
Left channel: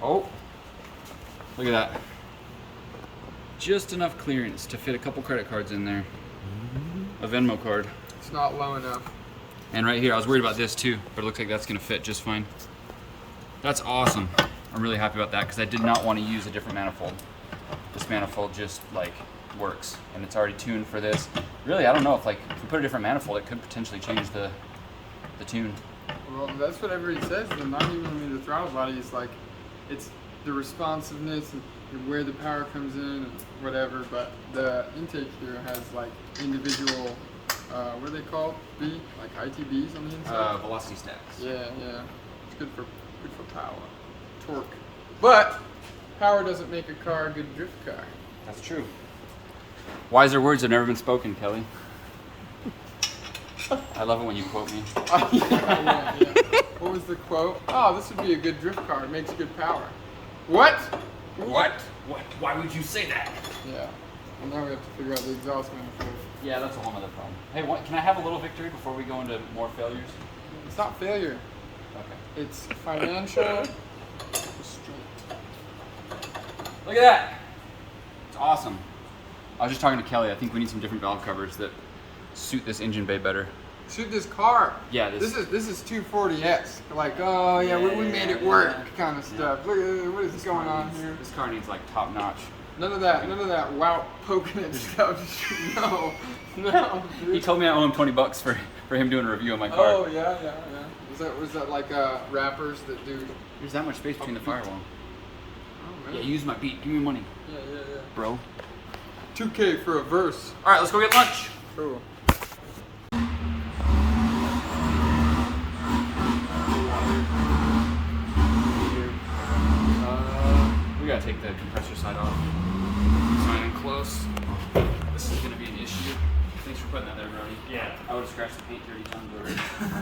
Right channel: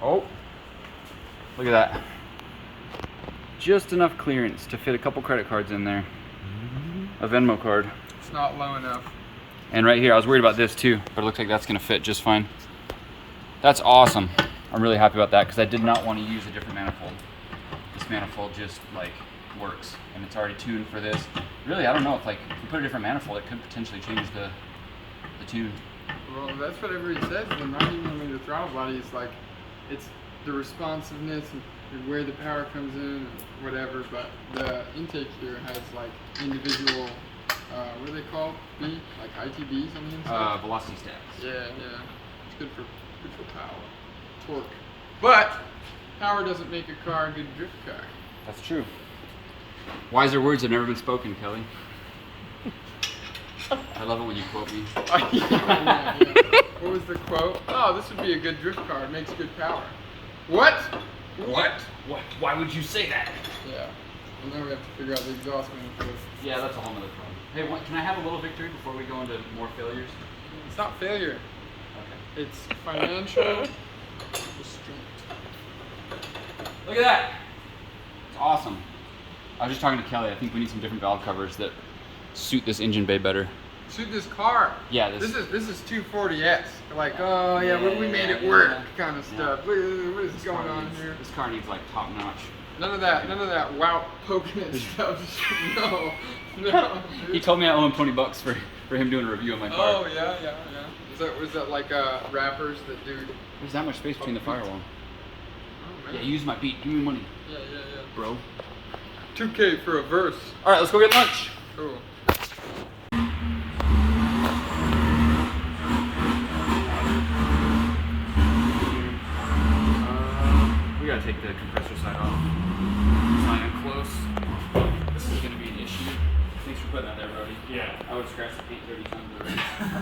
Oh, look at that. Just enough clearance to fit a couple credit cards in there. A Venmo card. It's not low enough. And right here, I was worried about this too, but it looks like that's gonna fit just fine. That's awesome. I'm really happy about that because I did not want to use a different manifold. This manifold just like works, and it's already tuned for this. Really, I don't know if like if we put a different manifold, it could potentially change the tune. Well, that's what everybody says, but not even, I mean, the throttle body is like, it's the responsiveness and where the power comes in and whatever, but the intake here has like individual, what are they called? Like ITBs on the inside? Velocity stacks. Yeah, yeah. It's good for power. Torque. But power doesn't make a car a good drift car. That's true. Wiser words have never been spoken, Kelly. I love it when you quote me. Yeah. What was the quote? Oh, this would be a good drift car. It makes good power. What? What? Why would you say that? Yeah. Well, now we have to figure out the exhaust manifold. Yeah, that's a whole nother problem. Hey, can I have a little victory before we go into more failures? It's not failure. Okay. It's financial restraint. Look at that. It's awesome. I was just talking to Kelly. I think we need some different valve covers that suit this engine bay better. Suit this car. Yeah, this is 240S. Like, oh yeah, we made it work kind of stuff. Look at what is going on here. This car needs like top notch. None of that wow poking at stuff. No, dude. He told me I owe him $20 for him doing a review on my car. Oh yeah. Was that like rappers that do? There's that much space between the firewall. Oh, Yeah, use my beat. Give me money, Yeah. bro. 2K for a verse. All right, let's go get lunch. Cool. We gotta take the compressor side off. It's not even close. This is gonna be an issue. Thanks for putting that there, Brody. Yeah. I would have scratched the paint 30 times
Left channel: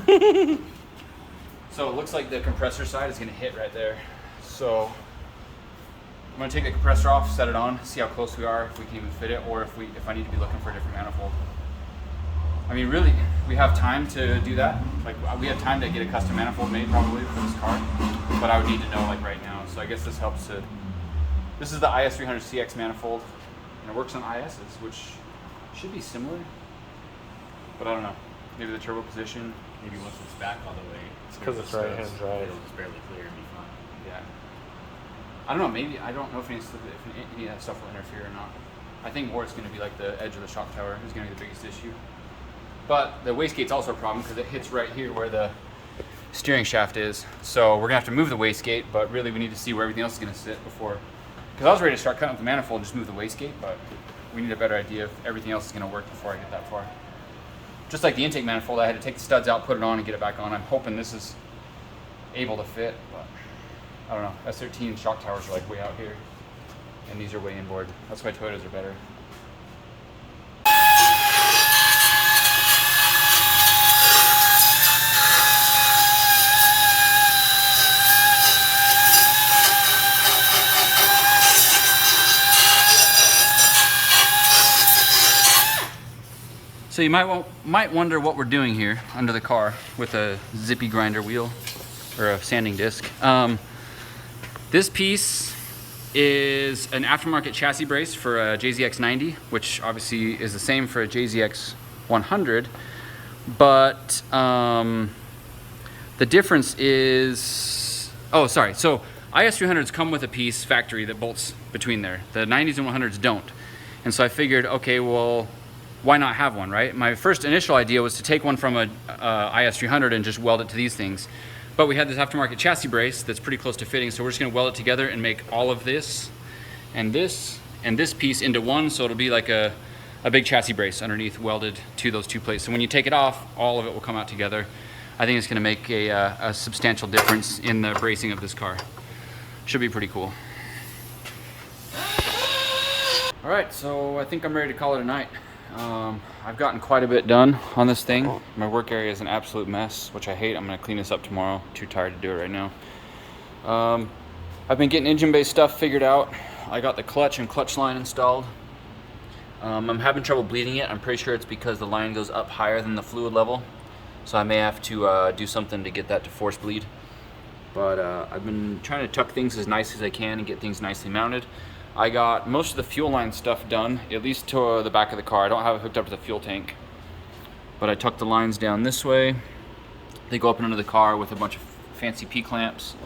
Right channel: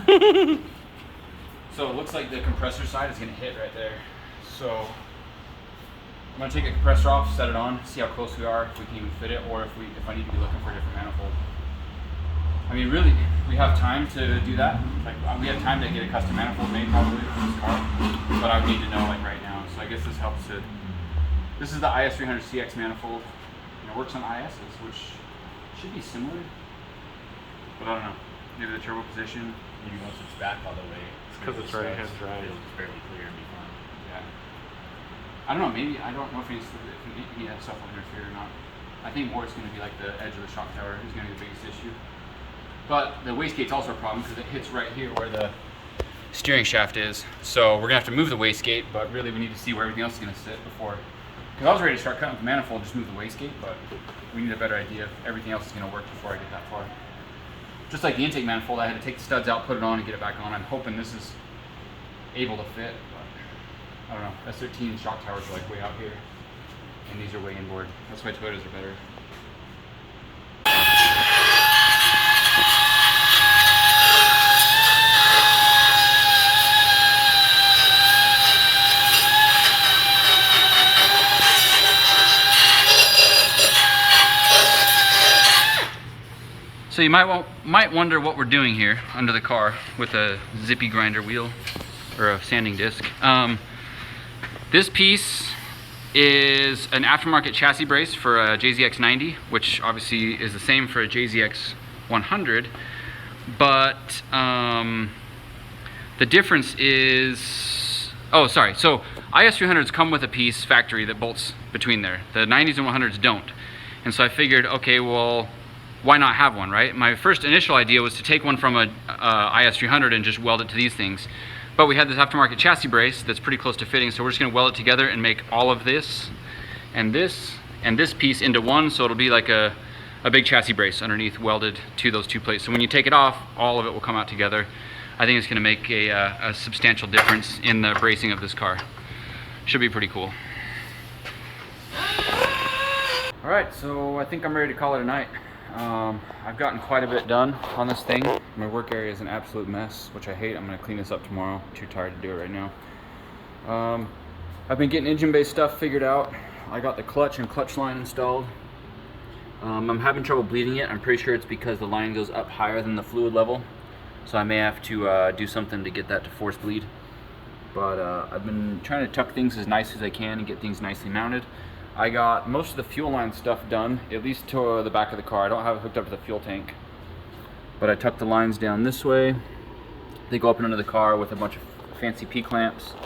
already. So it looks like the compressor side is going to hit right there. So I'm going to take the compressor off, set it on, see how close we are, if we can even fit it, or if I need to be looking for a different manifold. I mean, really, we have time to do that. Like, we have time to get a custom manifold made probably for this car, but I would need to know like right now. So I guess this helps to. This is the IS300 CX manifold, and it works on ISs, which should be similar, but I don't know. Maybe the turbo position. Maybe once it's back all the way, Because it's right hand drive. it'll just barely clear and be fine. Yeah. I don't know. Maybe I don't know if any of that stuff will interfere or not. I think more it's going to be like the edge of the shock tower is going to be the biggest issue. But the wastegate's also a problem because it hits right here where the steering shaft is. So we're going to have to move the wastegate, but really we need to see where everything else is going to sit before. Because I was ready to start cutting with the manifold and just move the wastegate, but we need a better idea if everything else is going to work before I get that far. Just like the intake manifold, I had to take the studs out, put it on, and get it back on. I'm hoping this is able to fit, but I don't know. S13 shock towers are like way out here, and these are way inboard. That's why Toyotas are better. So you might wonder what we're doing here under the car with a zippy grinder wheel or a sanding disc. This piece is an aftermarket chassis brace for a JZX90, which obviously is the same for a JZX100, but the difference is, oh sorry, so IS300s come with a piece factory that bolts between there. The 90s and 100s don't. And so I figured, okay, well, why not have one, right? My first initial idea was to take one from a IS300 and just weld it to these things. But we had this aftermarket chassis brace that's pretty close to fitting, so we're just gonna weld it together and make all of this and this piece into one, so it'll be like a big chassis brace underneath welded to those two plates. So when you take it off, all of it will come out together. I think it's gonna make a substantial difference in the bracing of this car. Should be pretty cool. All right, so I think I'm ready to call it a night. I've gotten quite a bit done on this thing. My work area is an absolute mess, which I hate. I'm gonna clean this up tomorrow. I'm too tired to do it right now. I've been getting engine-based stuff figured out. I got the clutch and clutch line installed. I'm having trouble bleeding it. I'm pretty sure it's because the line goes up higher than the fluid level. So I may have to do something to get that to force bleed. But I've been trying to tuck things as nice as I can and get things nicely mounted. I got most of the fuel line stuff done, at least to the back of the car. I don't have it hooked up to the fuel tank. But I tucked the lines down this way. They go up and under the car with a bunch of fancy P-clamps.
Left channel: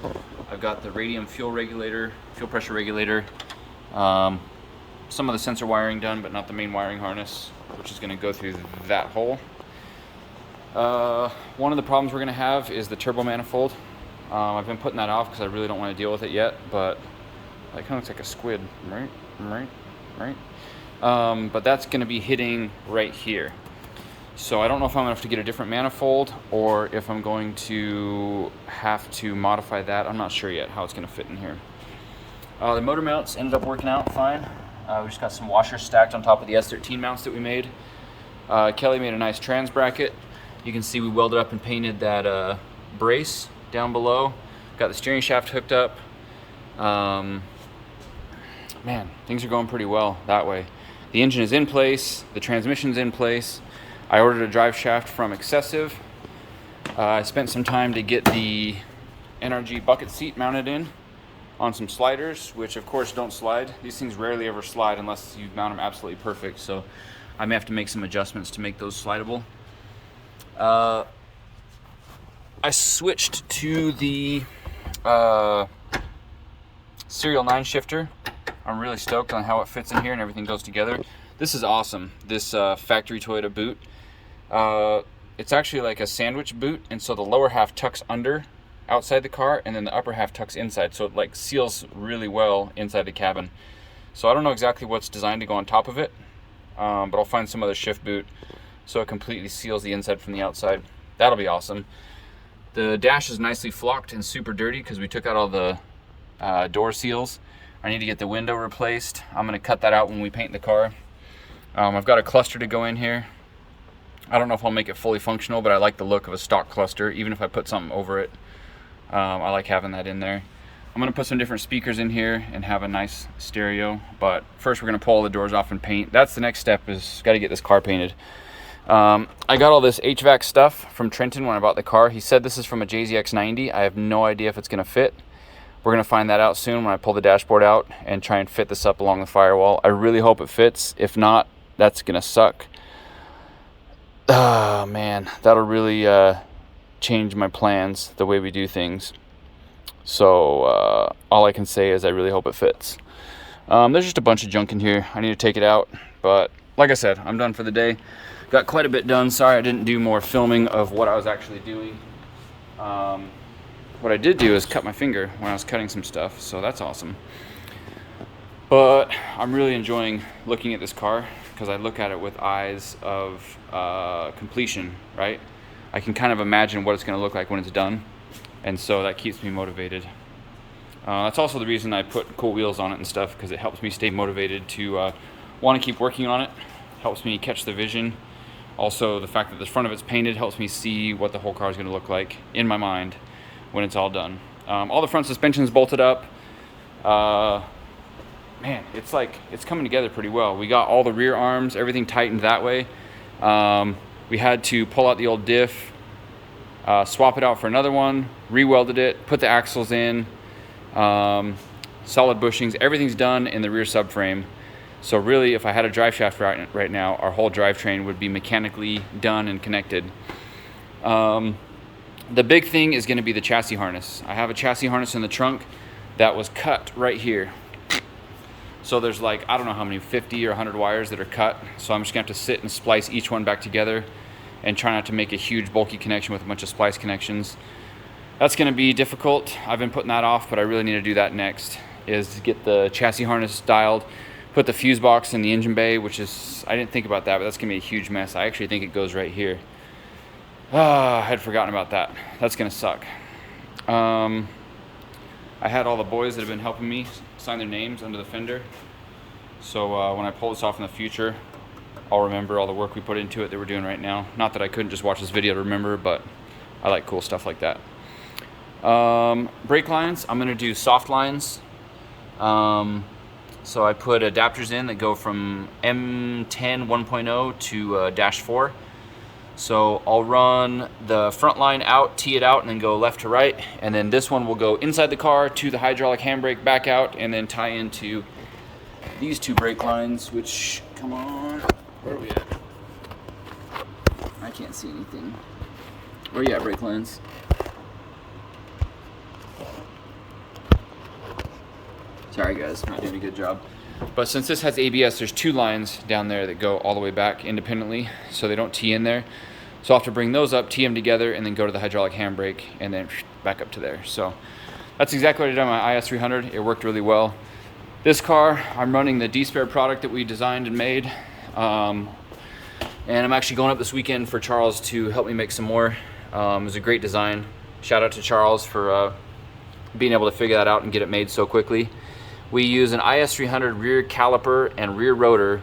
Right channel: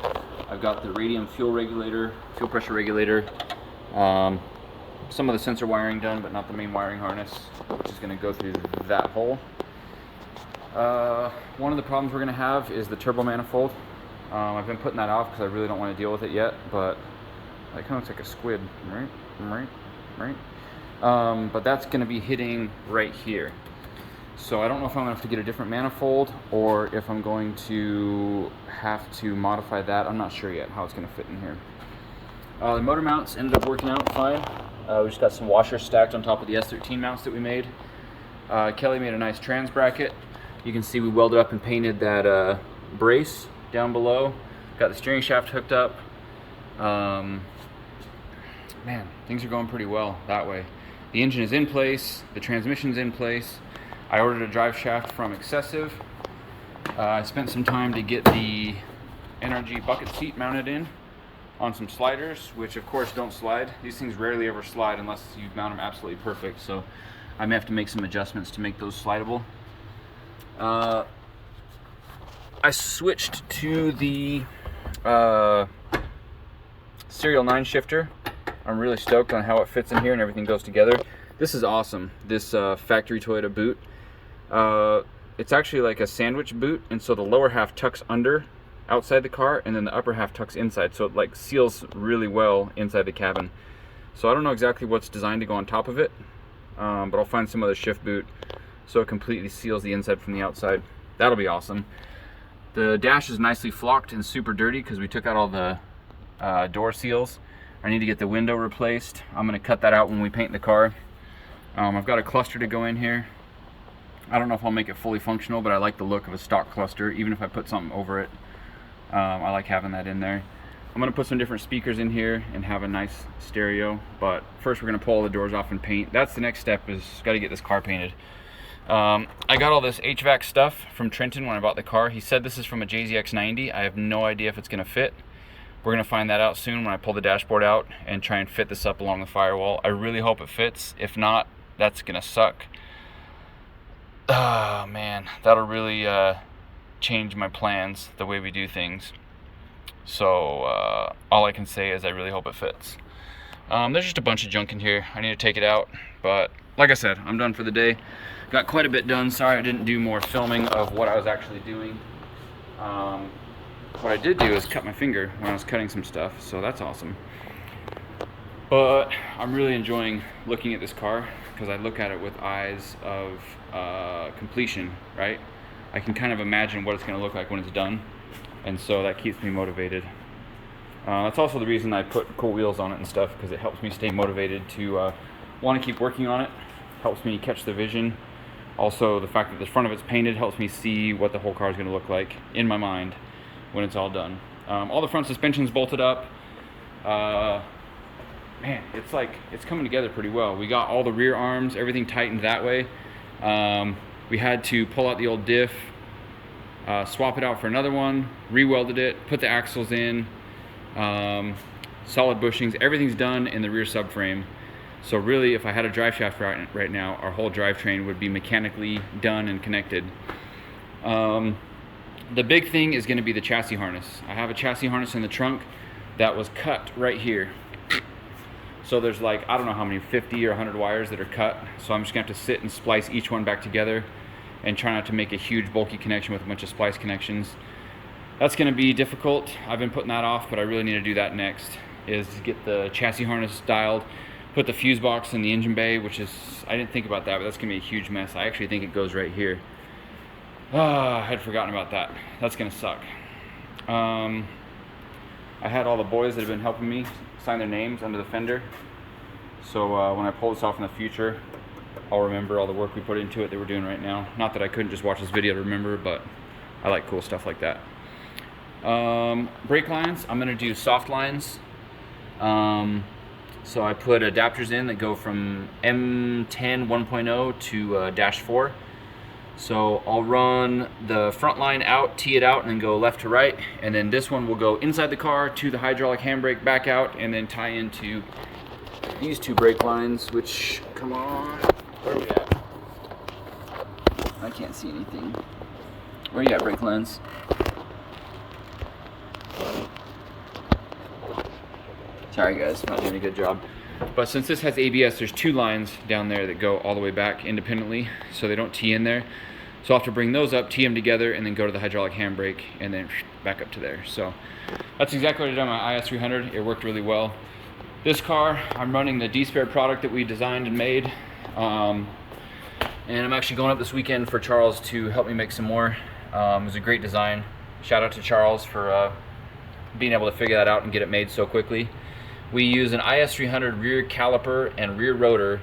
I've got the radium fuel regulator, fuel pressure regulator. Some of the sensor wiring done, but not the main wiring harness, which is gonna go through that hole. One of the problems we're gonna have is the turbo manifold. I've been putting that off because I really don't want to deal with it yet, but that kind of looks like a squid, right? But that's going to be hitting right here. So I don't know if I'm going to have to get a different manifold or if I'm going to have to modify that. I'm not sure yet how it's going to fit in here. The motor mounts ended up working out fine. We just got some washers stacked on top of the S13 mounts that we made. Kelly made a nice trans bracket. You can see we welded up and painted that brace down below. Got the steering shaft hooked up. Man, things are going pretty well that way. The engine is in place, the transmission's in place. I ordered a drive shaft from Excessive. I spent some time to get the NRG bucket seat mounted in on some sliders, which of course don't slide. These things rarely ever slide unless you mount them absolutely perfect, so I may have to make some adjustments to make those slidable. I switched to the Serial 9 shifter. I'm really stoked on how it fits in here and everything goes together. This is awesome, this factory Toyota boot. It's actually like a sandwich boot, and so the lower half tucks under outside the car and then the upper half tucks inside, so it like seals really well inside the cabin. So I don't know exactly what's designed to go on top of it, but I'll find some other shift boot so it completely seals the inside from the outside. That'll be awesome. The dash is nicely flocked and super dirty because we took out all the door seals. I need to get the window replaced. I'm gonna cut that out when we paint the car. I've got a cluster to go in here. I don't know if I'll make it fully functional, but I like the look of a stock cluster. Even if I put something over it, I like having that in there. I'm gonna put some different speakers in here and have a nice stereo, but first we're gonna pull all the doors off and paint. That's the next step, is gotta get this car painted. I got all this HVAC stuff from Trenton when I bought the car. He said this is from a JZX100. I have no idea if it's gonna fit. We're gonna find that out soon when I pull the dashboard out and try and fit this up along the firewall. I really hope it fits. If not, that's gonna suck. Oh man, that'll really change my plans, the way we do things. So all I can say is I really hope it fits. There's just a bunch of junk in here. I need to take it out, but like I said, I'm done for the day. Got quite a bit done. Sorry I didn't do more filming of what I was actually doing. What I did do is cut my finger when I was cutting some stuff, so that's awesome. But I'm really enjoying looking at this car because I look at it with eyes of completion, right? I can kind of imagine what it's going to look like when it's done, and so that keeps me motivated. That's also the reason I put cool wheels on it and stuff, because it helps me stay motivated to want to keep working on it. Helps me catch the vision. Also, the fact that the front of it's painted helps me see what the whole car is going to look like in my mind when it's all done. All the front suspension is bolted up. Man, it's coming together pretty well. We got all the rear arms, everything tightened that way. We had to pull out the old diff, swap it out for another one, re-welded it, put the axles in, solid bushings. Everything's done in the rear subframe. So really, if I had a drive shaft right now, our whole drivetrain would be mechanically done and connected. The big thing is going to be the chassis harness. I have a chassis harness in the trunk that was cut right here. So there's like, I don't know how many, 50 or 100 wires that are cut. So I'm just going to have to sit and splice each one back together and try not to make a huge bulky connection with a bunch of splice connections. That's going to be difficult. I've been putting that off, but I really need to do that next, is get the chassis harness dialed, put the fuse box in the engine bay, which is, I didn't think about that, but that's going to be a huge mess. I actually think it goes right here. Oh, I had forgotten about that. That's going to suck. I had all the boys that have been helping me sign their names under the fender. So when I pull this off in the future, I'll remember all the work we put into it that we're doing right now. Not that I couldn't just watch this video to remember, but I like cool stuff like that. Brake lines, I'm going to do soft lines. So I put adapters in that go from M10 1.0 to -4. So I'll run the front line out, tee it out, and then go left to right. And then this one will go inside the car to the hydraulic handbrake, back out, and then tie into these two brake lines, which, come on, where are we at? I can't see anything. Where are you at, brake lines? Sorry guys, not doing a good job. But since this has ABS, there's two lines down there that go all the way back independently, so they don't tee in there. So I'll have to bring those up, tee them together, and then go to the hydraulic handbrake, and then back up to there. So that's exactly what I did on my IS300. It worked really well. This car, I'm running the D-Spare product that we designed and made. And I'm actually going up this weekend for Charles to help me make some more. It was a great design. Shout out to Charles for being able to figure that out and get it made so quickly. We use an IS300 rear caliper and rear rotor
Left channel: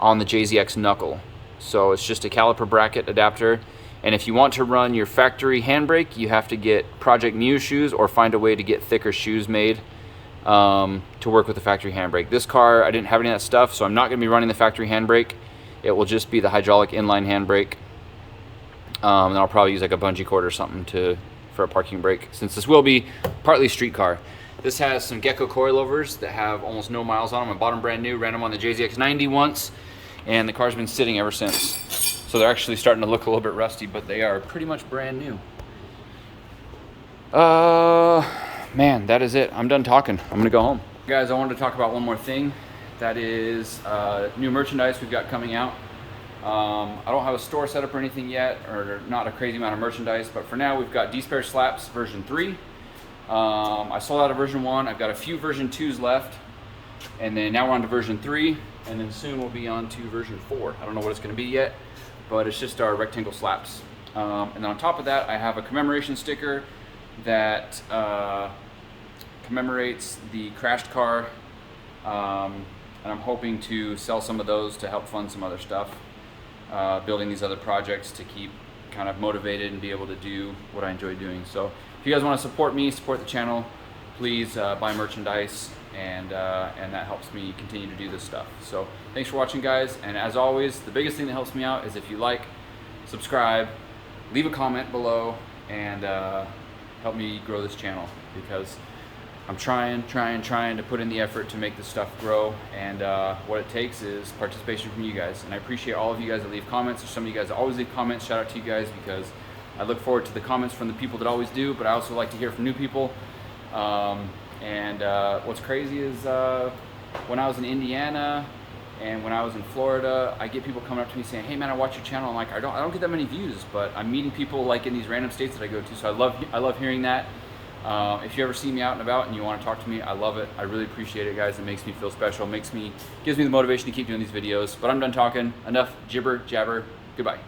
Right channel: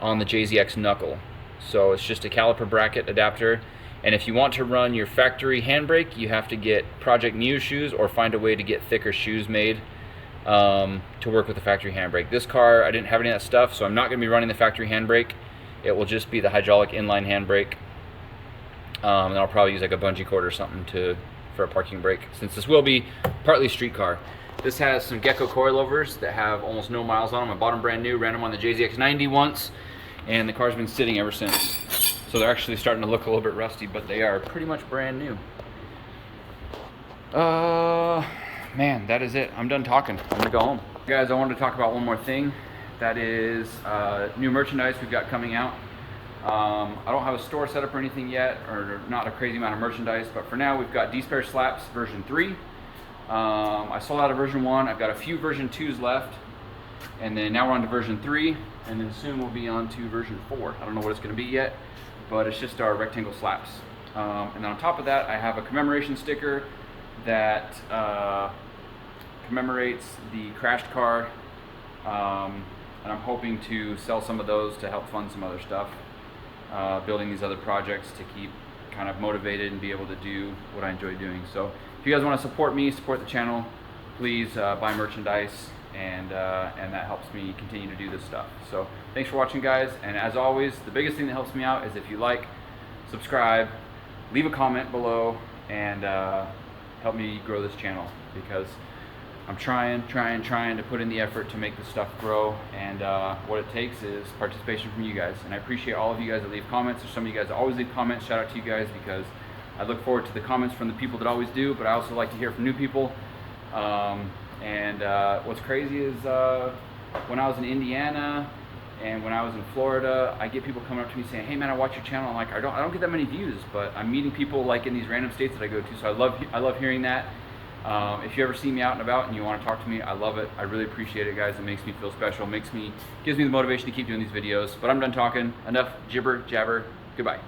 on the JZX knuckle. So it's just a caliper bracket adapter. And if you want to run your factory handbrake, you have to get Project Muse shoes or find a way to get thicker shoes made to work with the factory handbrake. This car, I didn't have any of that stuff, so I'm not gonna be running the factory handbrake. It will just be the hydraulic inline handbrake. And I'll probably use like a bungee cord or something for a parking brake, since this will be partly street car. This has some Gecko coilovers that have almost no miles on them. I bought them brand new, ran them on the JZX100 once, and the car's been sitting ever since. So they're actually starting to look a little bit rusty, but they are pretty much brand new. Man, that is it. I'm done talking. I'm gonna go home. Guys, I wanted to talk about one more thing. That is new merchandise we've got coming out. I don't have a store set up or anything yet, or not a crazy amount of merchandise, but for now we've got D-Spare Slaps version 3. I sold out of version 1. I've got a few version 2s left, and then now we're on to version 3, and then soon we'll be on to version 4. I don't know what it's going to be yet, but it's just our rectangle slaps. And then on top of that, I have a commemoration sticker that commemorates the crashed car, and I'm hoping to sell some of those to help fund some other stuff. building these other projects to keep kind of motivated and be able to do what I enjoy doing. So if you guys want to support me, support the channel, please buy merchandise, and that helps me continue to do this stuff. So thanks for watching, guys, and as always, the biggest thing that helps me out is if you like, subscribe, leave a comment below, and help me grow this channel, because I'm trying to put in the effort to make this stuff grow, and what it takes is participation from you guys. And I appreciate all of you guys that leave comments. There's some of you guys that always leave comments. Shout out to you guys, because I look forward to the comments from the people that always do, but I also like to hear from new people. What's crazy is when I was in Indiana and when I was in Florida, I get people coming up to me saying, "Hey man, I watch your channel." I'm like, I don't get that many views, but I'm meeting people like in these random states that I go to, so I love hearing that. If you ever see me out and about and you want to talk to me, I love it. I really appreciate it, guys. It makes me feel special. Gives me the motivation to keep doing these videos. But I'm done talking. Enough jibber jabber. Goodbye.